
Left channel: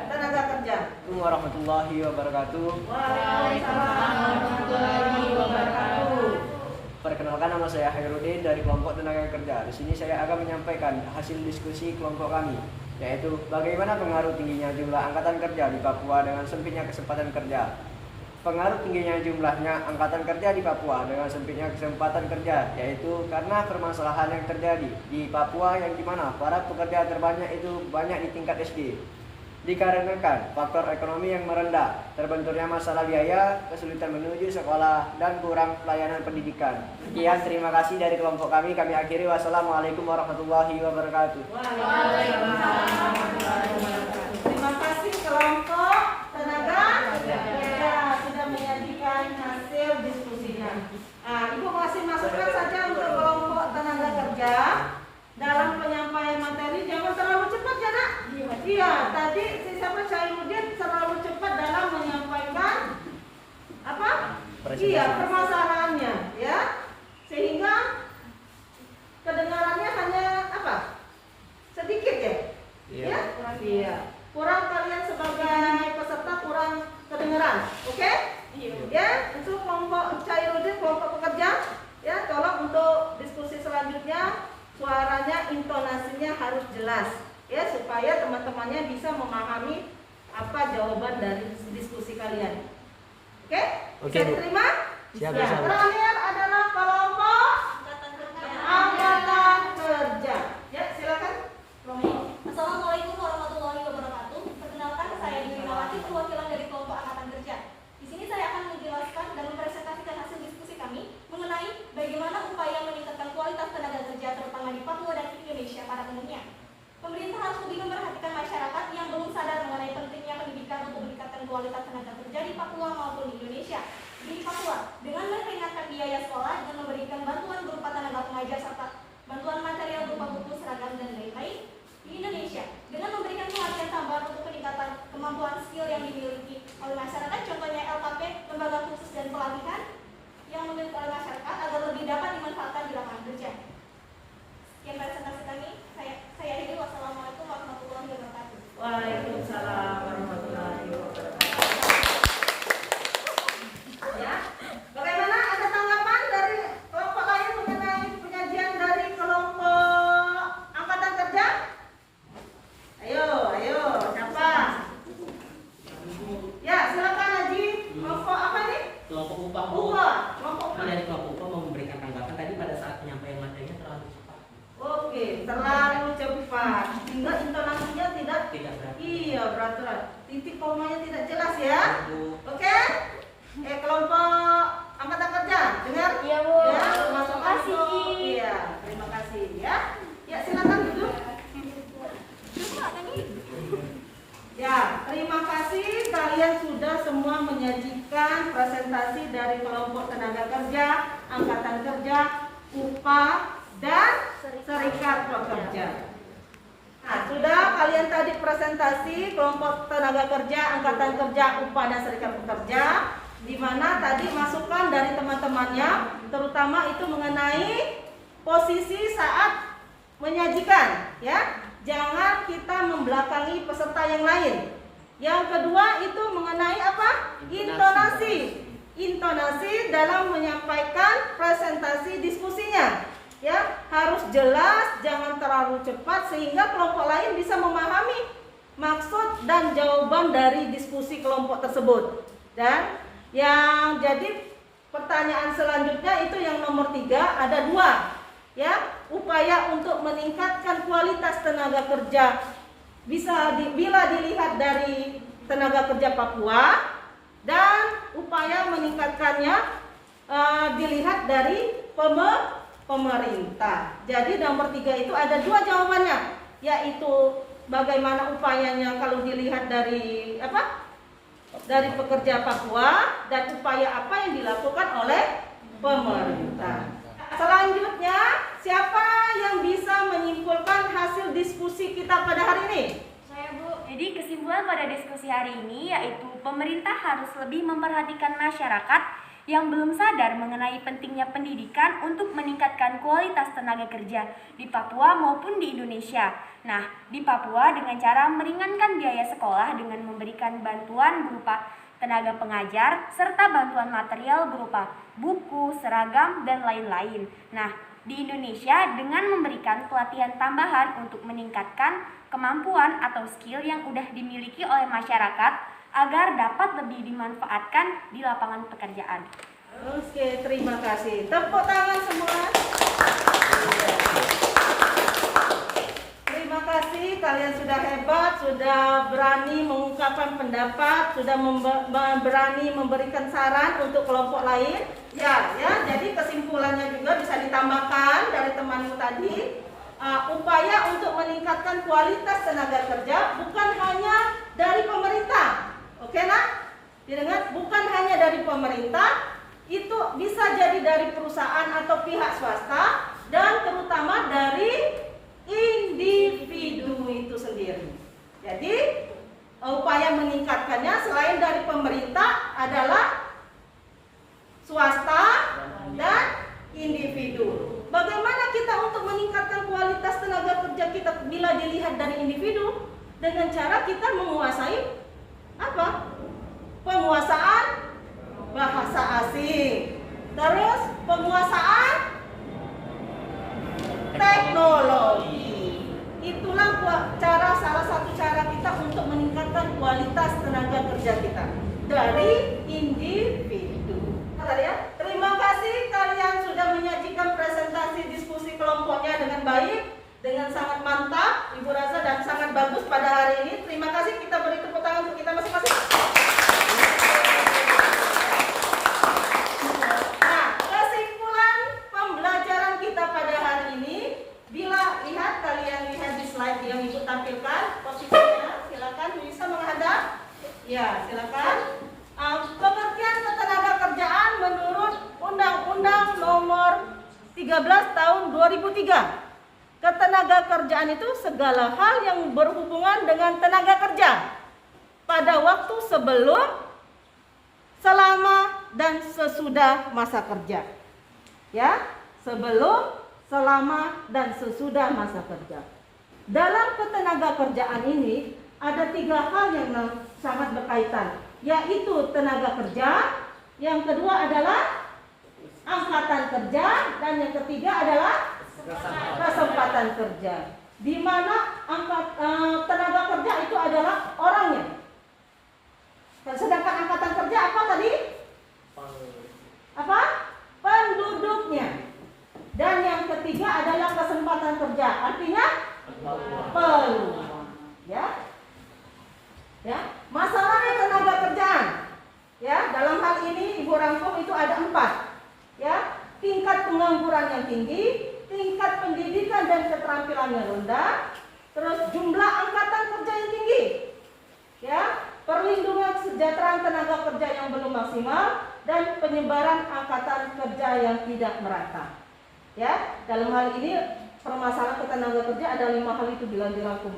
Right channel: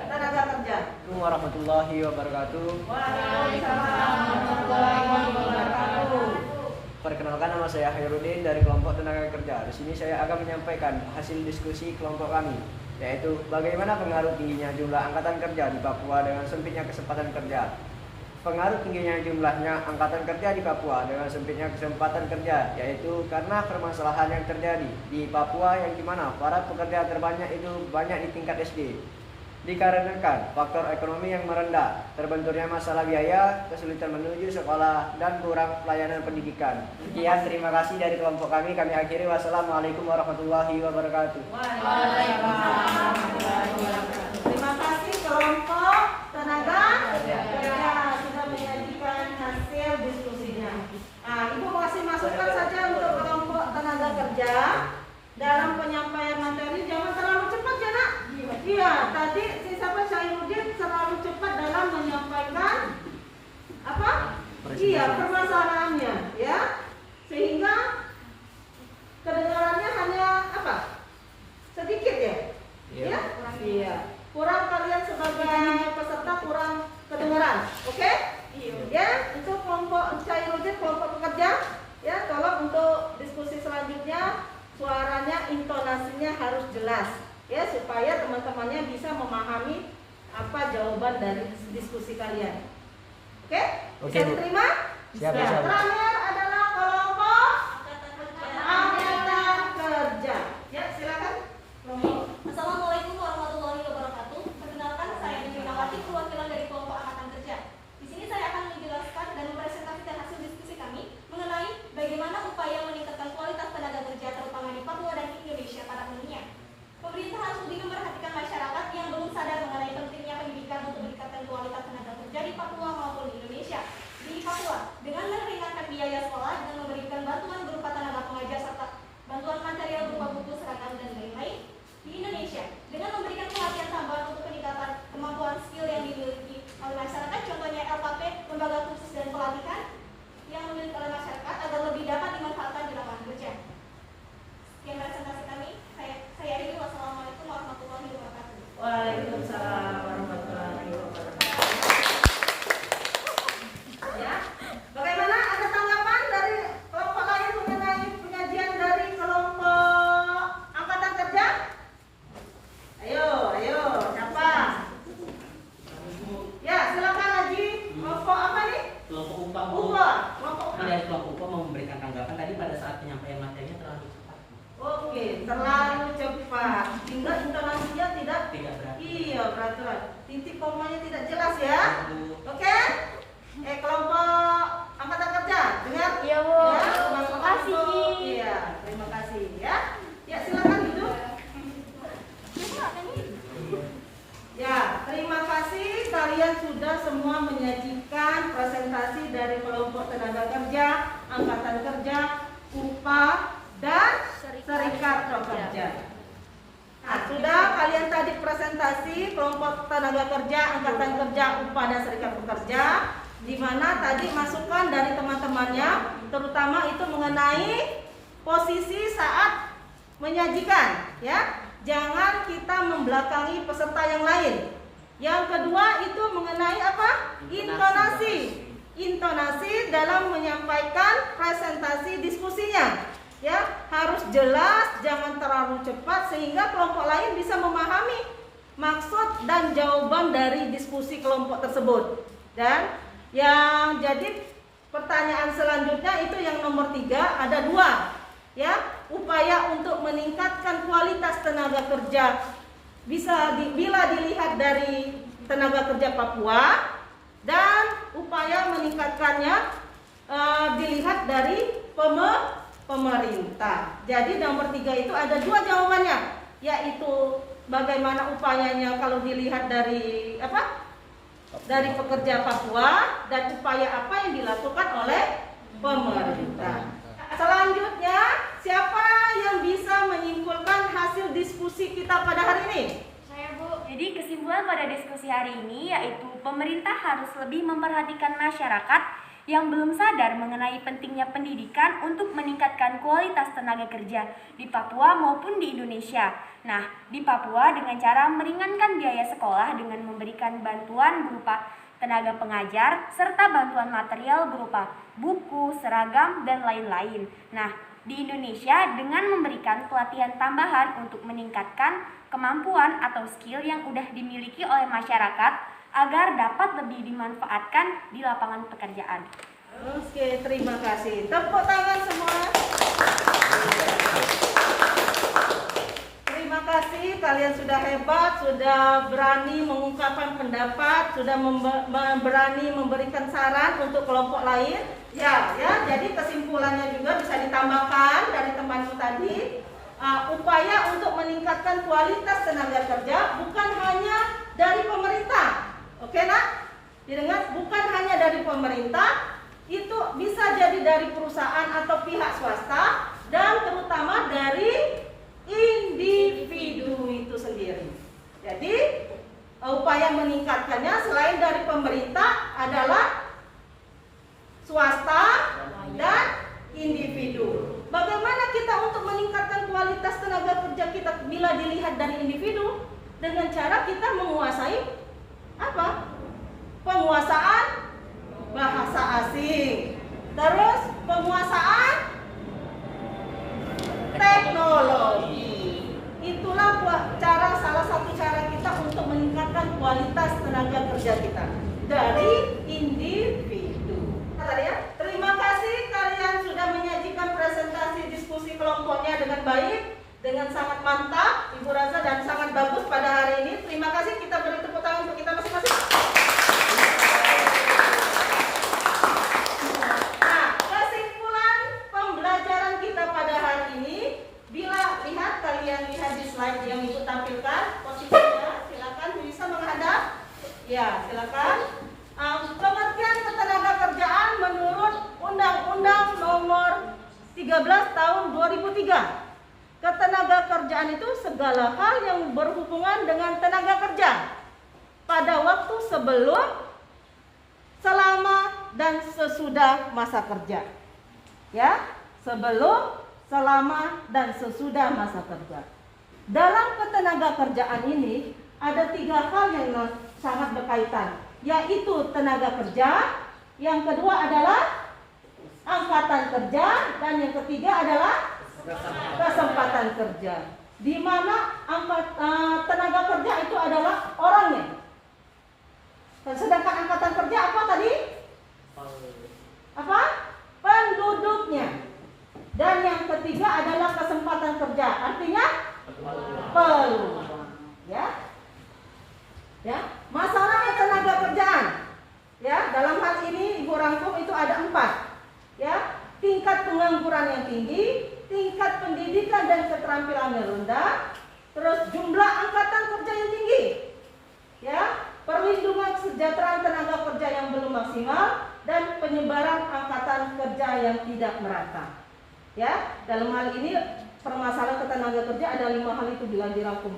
Tenaga kerja. Assalamualaikum warahmatullahi wabarakatuh. Waalaikumsalam warahmatullahi wabarakatuh. Perkenalkan, nama saya Hairudin dari kelompok tenaga kerja. Di sini saya akan menyampaikan hasil diskusi kelompok kami, yaitu bagaimana pengaruh tingginya jumlah angkatan kerja di Papua dengan sempitnya kesempatan kerja. Pengaruh tingginya jumlahnya angkatan kerja di Papua dengan sempitnya kesempatan kerja, yaitu karena permasalahan yang terjadi di Papua yang dimana para pekerja terbanyak itu banyak di tingkat SD. Dikarenakan faktor ekonomi yang merendah, terbenturnya masalah biaya, kesulitan menuju sekolah, dan kurang pelayanan pendidikan. Sekian, terima kasih dari kelompok kami. Kami akhiri. Wassalamualaikum warahmatullahi wabarakatuh. Terima kasih kelompok tenaga kerja sudah menyajikan hasil diskusinya. Ibu masih masukkan saja untuk kelompok tenaga kerja dalam penyampaian materi, jangan terlalu cepat ya nak. Iya, tadi siapa Syairuddin terlalu cepat dalam menyampaikan apa? Iya, permasalahannya ya, sehingga kedengarannya hanya apa? Sedikit ya. Ya? Iya. Kurang, kalian sebagai peserta kurang kedengaran. Oke? Ya, untuk kelompok Syairuddin, kelompok pekerja, ya, tolong untuk diskusi selanjutnya suaranya, intonasinya harus jelas ya, supaya teman-temannya bisa memahami apa jawaban dari diskusi kalian. Oke? Bisa diterima? Siap, ya. siap. Terakhir adalah kelompok angkatan kerja. Ya, silakan. Assalamualaikum warahmatullahi wabarakatuh. Perkenalkan, saya Dinawati, perwakilan dari kelompok angkatan kerja. Di sini saya akan menjelaskan dan mempresentasikan hasil diskusi kami mengenai bagaimana upaya meningkatkan kualitas tenaga kerja terutama di Papua dan Indonesia pada umumnya. Pemerintah harus lebih memperhatikan masyarakat yang belum sadar mengenai pentingnya pendidikan untuk meningkatkan kualitas tenaga kerja di Papua maupun di Indonesia. Di Papua, dengan meringankan biaya sekolah dan memberikan bantuan berupa tenaga pengajar serta bantuan material berupa buku, seragam, dan lain-lain. Di Indonesia, dengan memberikan pelatihan tambahan untuk peningkatan kemampuan skill yang dimiliki oleh masyarakat, contohnya LKP, lembaga khusus dan pelatihan yang dimiliki oleh masyarakat agar lebih dapat dimanfaatkan di lapangan kerja. Sekian presentasi kami. Saya akhiri. Wassalamualaikum warahmatullahi wabarakatuh. Waalaikumsalam warahmatullahi wabarakatuh. Ya, bagaimana, ada tanggapan dari kelompok lain mengenai penyajian dari kelompok angkatan kerja? Ayo, siapa? Ya, silakan Haji. Kelompok apa nih? Kelompok UPA. Kelompok UPA. Dari kelompok UPA mau memberikan tanggapan tadi pada saat penyampaian materinya terlalu cepat. Oke, terlalu cepat. Hingga intonasinya tidak berat. Iya, berat. Titik komanya tidak jelas ya. Oke? Kelompok angkatan kerja, dengar? Iya, Bu. Ya, Terima kasih. Iya, terima kasih ya. Ya, silakan duduk. Ya, terima kasih kalian sudah semua menyajikan presentasi dari kelompok tenaga kerja, angkatan kerja, UPA, dan serikat pekerja. Nah, sudah kalian tadi presentasi kelompok tenaga kerja, angkatan kerja, UPA, dan serikat pekerja, di mana tadi masukan dari teman-temannya, terutama itu mengenai posisi saat menyajikan, ya. Jangan kita membelakangi peserta yang lain. Yang kedua itu mengenai apa? Intonasi dalam menyampaikan presentasi diskusinya. Ya, harus jelas, jangan terlalu cepat sehingga kelompok lain bisa memahami maksud dan jawaban dari diskusi kelompok tersebut. Dan yang jadi pertanyaan selanjutnya itu yang nomor 3, ada 2. Ya, upaya untuk meningkatkan kualitas tenaga kerja bila dilihat dari tenaga kerja Papua, dan upaya meningkatkannya dilihat dari pemerintah. Jadi nomor 3 itu ada 2 jawabannya, yaitu bagaimana upayanya kalau dilihat dari dari pekerja Papua dan upaya apa yang dilakukan oleh pemerintah. Selanjutnya, siapa yang bisa menyimpulkan hasil diskusi kita pada hari ini? Saya, Bu. Jadi kesimpulan pada diskusi hari ini yaitu pemerintah harus lebih memperhatikan masyarakat yang belum sadar mengenai pentingnya pendidikan untuk meningkatkan kualitas tenaga kerja di Papua maupun di Indonesia. Nah, di Papua dengan cara meringankan biaya sekolah dengan memberikan bantuan berupa tenaga pengajar serta bantuan material berupa buku, seragam, dan lain-lain. Nah, di Indonesia dengan memberikan pelatihan tambahan untuk meningkatkan kemampuan atau skill yang sudah dimiliki oleh masyarakat agar dapat lebih dimanfaatkan di lapangan pekerjaan. Oke, terima kasih. Tepuk tangan semua. Terima kasih, kalian sudah hebat, sudah berani mengungkapkan pendapat, sudah berani memberikan saran untuk kelompok lain. Ya, jadi kesimpulannya juga bisa ditambahkan dari temanmu tadi. Upaya untuk meningkatkan kualitas tenaga kerja bukan hanya dari pemerintah. Oke, nak? Didengar? Bukan hanya dari pemerintah, itu bisa jadi dari perusahaan atau pihak swasta dan terutama dari individu itu sendiri. Jadi upaya meningkatkannya selain dari pemerintah adalah swasta dan individu. Bagaimana kita untuk meningkatkan kualitas tenaga kerja kita bila dilihat dari individu? Dengan cara kita menguasai apa? Penguasaan bahasa asing. Terus penguasaan teknologi. Itulah salah satu cara kita untuk meningkatkan kualitas tenaga kerja kita dari individu. Terima kasih kalian sudah menyajikan presentasi diskusi kelompoknya dengan baik, dengan sangat mantap, Ibu Raza, dan sangat bagus pada hari ini. Terima kasih, kita beri tepuk tangan untuk kita masing-masing. Nah, kesimpulan pembelajaran kita pada hari ini, bila kalian lihat di slide yang Ibu tampilkan, posisinya silakan bisa menghadap. Ya, silakan. Pengertian ketenagakerjaan menurut Undang-Undang Nomor 13 Tahun 2003. Ketenagakerjaan itu segala hal yang berhubungan dengan tenaga kerja pada waktu sebelum, selama, dan sesudah masa kerja. Ya, sebelum, selama, dan sesudah masa kerja. Dalam ketenagakerjaan ini ada 3 hal yang sangat berkaitan, yaitu tenaga kerja, yang kedua adalah angkatan kerja, dan yang ketiga adalah kesempatan kerja. Di mana tenaga kerja itu adalah orangnya. Sedangkan angkatan kerja apa tadi? Apa? Penduduknya. Dan yang ketiga adalah kesempatan kerja. Artinya peluang. Ya, masalahnya tenaga kerjaan. Ya, dalam hal ini Ibu rangkum itu ada 4. Ya, tingkat pengangguran yang tinggi, tingkat pendidikan dan keterampilan yang rendah, terus jumlah angkatan kerja yang tinggi, ya, perlindungan kesejahteraan tenaga kerja yang belum maksimal, dan penyebaran angkatan kerja yang tidak merata. Ya, dalam hal ini permasalahan ketenaga kerja ada 5 hal itu bila dirangkum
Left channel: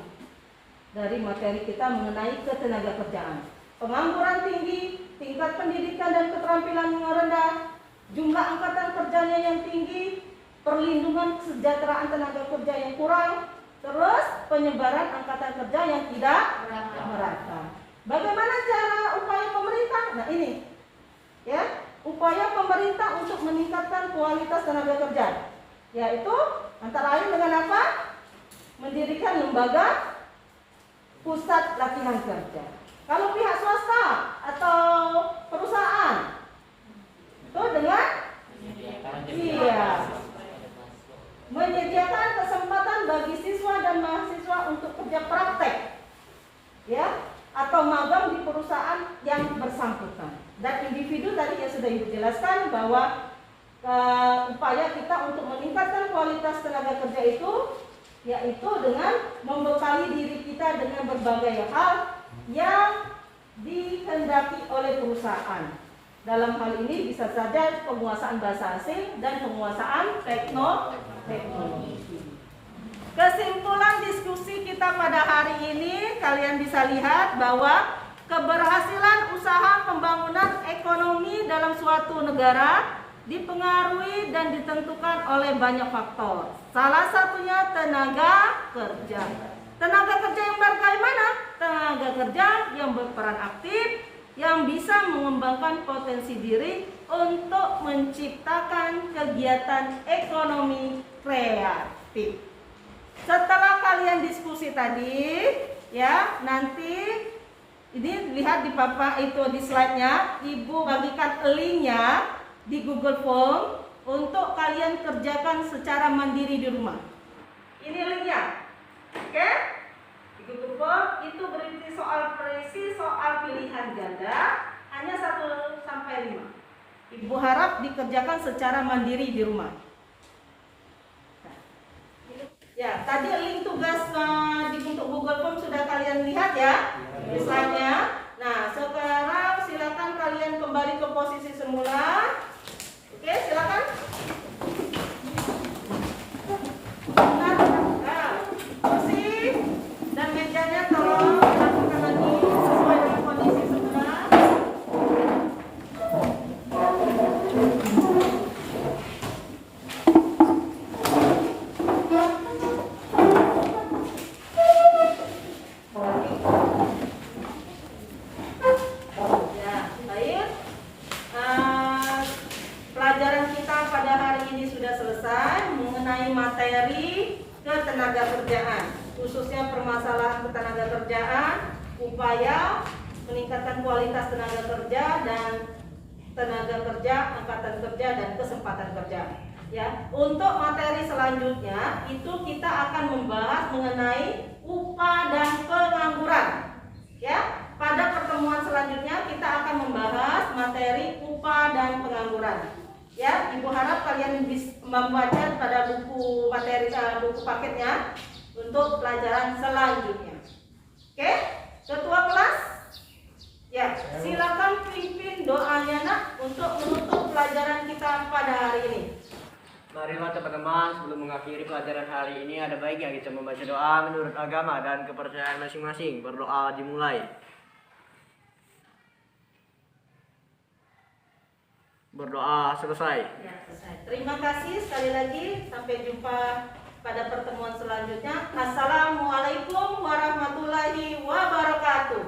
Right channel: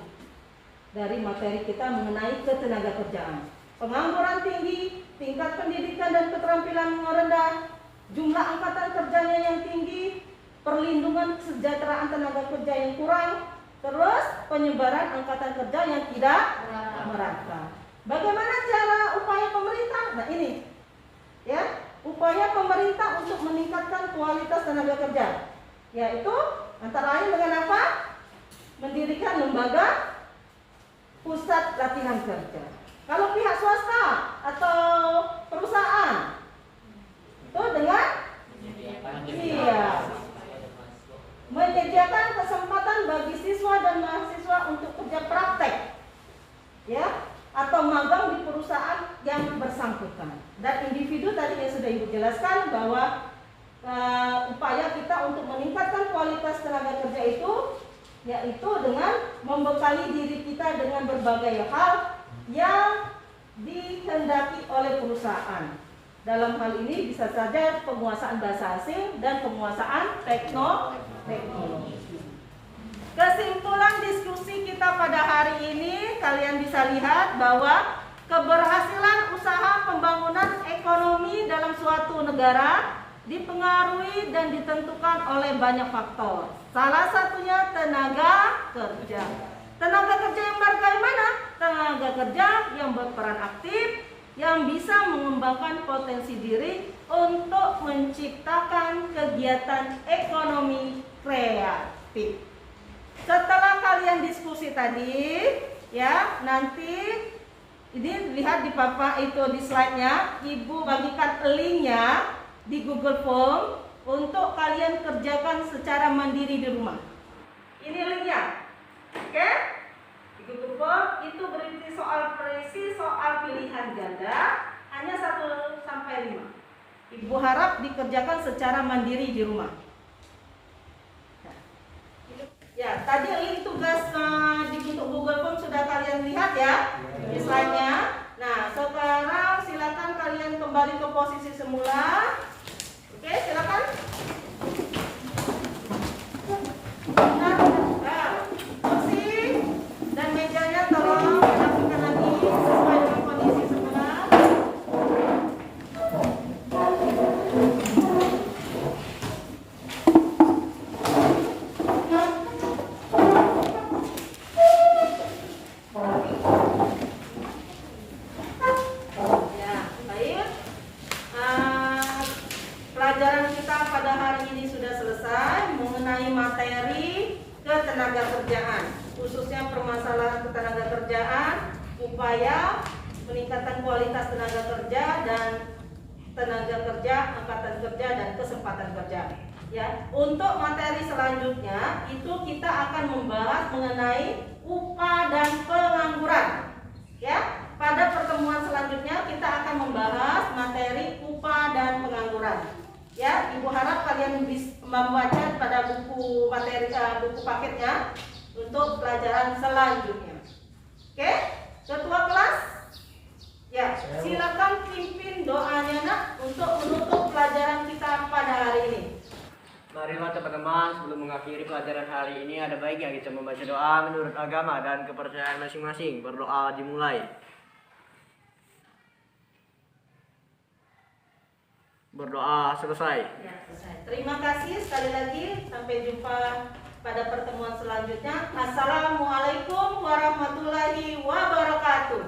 dari materi kita mengenai ketenaga kerjaan. Pengangguran tinggi, tingkat pendidikan dan keterampilan yang rendah, jumlah angkatan kerjanya yang tinggi, perlindungan kesejahteraan tenaga kerja yang kurang, terus penyebaran angkatan kerja yang tidak merata. Bagaimana cara upaya pemerintah? Nah ini, ya, upaya pemerintah untuk meningkatkan kualitas tenaga kerja, yaitu antara lain dengan apa? Mendirikan lembaga pusat latihan kerja. Kalau pihak swasta atau perusahaan, itu dengan menyediakan kesempatan bagi siswa dan mahasiswa untuk kerja praktek, ya, atau magang di perusahaan yang bersangkutan. Dan individu tadi yang sudah Ibu jelaskan bahwa upaya kita untuk meningkatkan kualitas tenaga kerja itu, yaitu dengan membekali diri kita dengan berbagai hal yang dikehendaki oleh perusahaan. Dalam hal ini bisa saja penguasaan bahasa asing dan penguasaan teknologi. Kesimpulan diskusi kita pada hari ini, kalian bisa lihat bahwa keberhasilan usaha pembangunan ekonomi dalam suatu negara dipengaruhi dan ditentukan oleh banyak faktor. Salah satunya tenaga kerja. Tenaga kerja yang bagaimana? Tenaga kerja yang berperan aktif, yang bisa mengembangkan potensi diri untuk menciptakan kegiatan ekonomi kreatif. Setelah kalian diskusi tadi, ya, nanti ini lihat di papan itu di slide-nya, Ibu bagikan link-nya di Google Form untuk kalian kerjakan secara mandiri di rumah. Ini linknya, oke? Di Google Form itu berisi soal pilihan ganda hanya 1 sampai 5. Ibu harap dikerjakan secara mandiri di rumah. Ya, tadi link tugas di bentuk Google Form sudah kalian lihat ya di slide-nya. Nah, sekarang silakan kalian kembali ke posisi semula. Oke, silakan. Nah, kursi dan mejanya tolong dilakukan lagi sesuai dengan kondisi semula. Pelajaran kita pada hari ini sudah selesai mengenai materi ketenaga kerjaan, khususnya permasalahan ketenaga kerjaan, upaya meningkatkan kualitas tenaga kerja dan tenaga kerja, angkatan kerja dan kesempatan kerja. Ya, untuk materi selanjutnya itu kita akan membahas mengenai upah dan pengangguran. Ya, pada pertemuan selanjutnya kita akan membahas materi upah dan pengangguran. Ya, Ibu harap kalian bisa membaca pada buku materi buku paketnya untuk pelajaran selanjutnya. Oke, ketua kelas, ya silakan pimpin doanya nak untuk menutup pelajaran kita pada hari ini. Marilah teman-teman, sebelum mengakhiri pelajaran hari ini ada baiknya kita membaca doa menurut agama dan kepercayaan masing-masing. Berdoa dimulai. Berdoa selesai. Ya, selesai. Terima kasih sekali lagi. Sampai jumpa pada pertemuan selanjutnya. Assalamualaikum warahmatullahi wabarakatuh.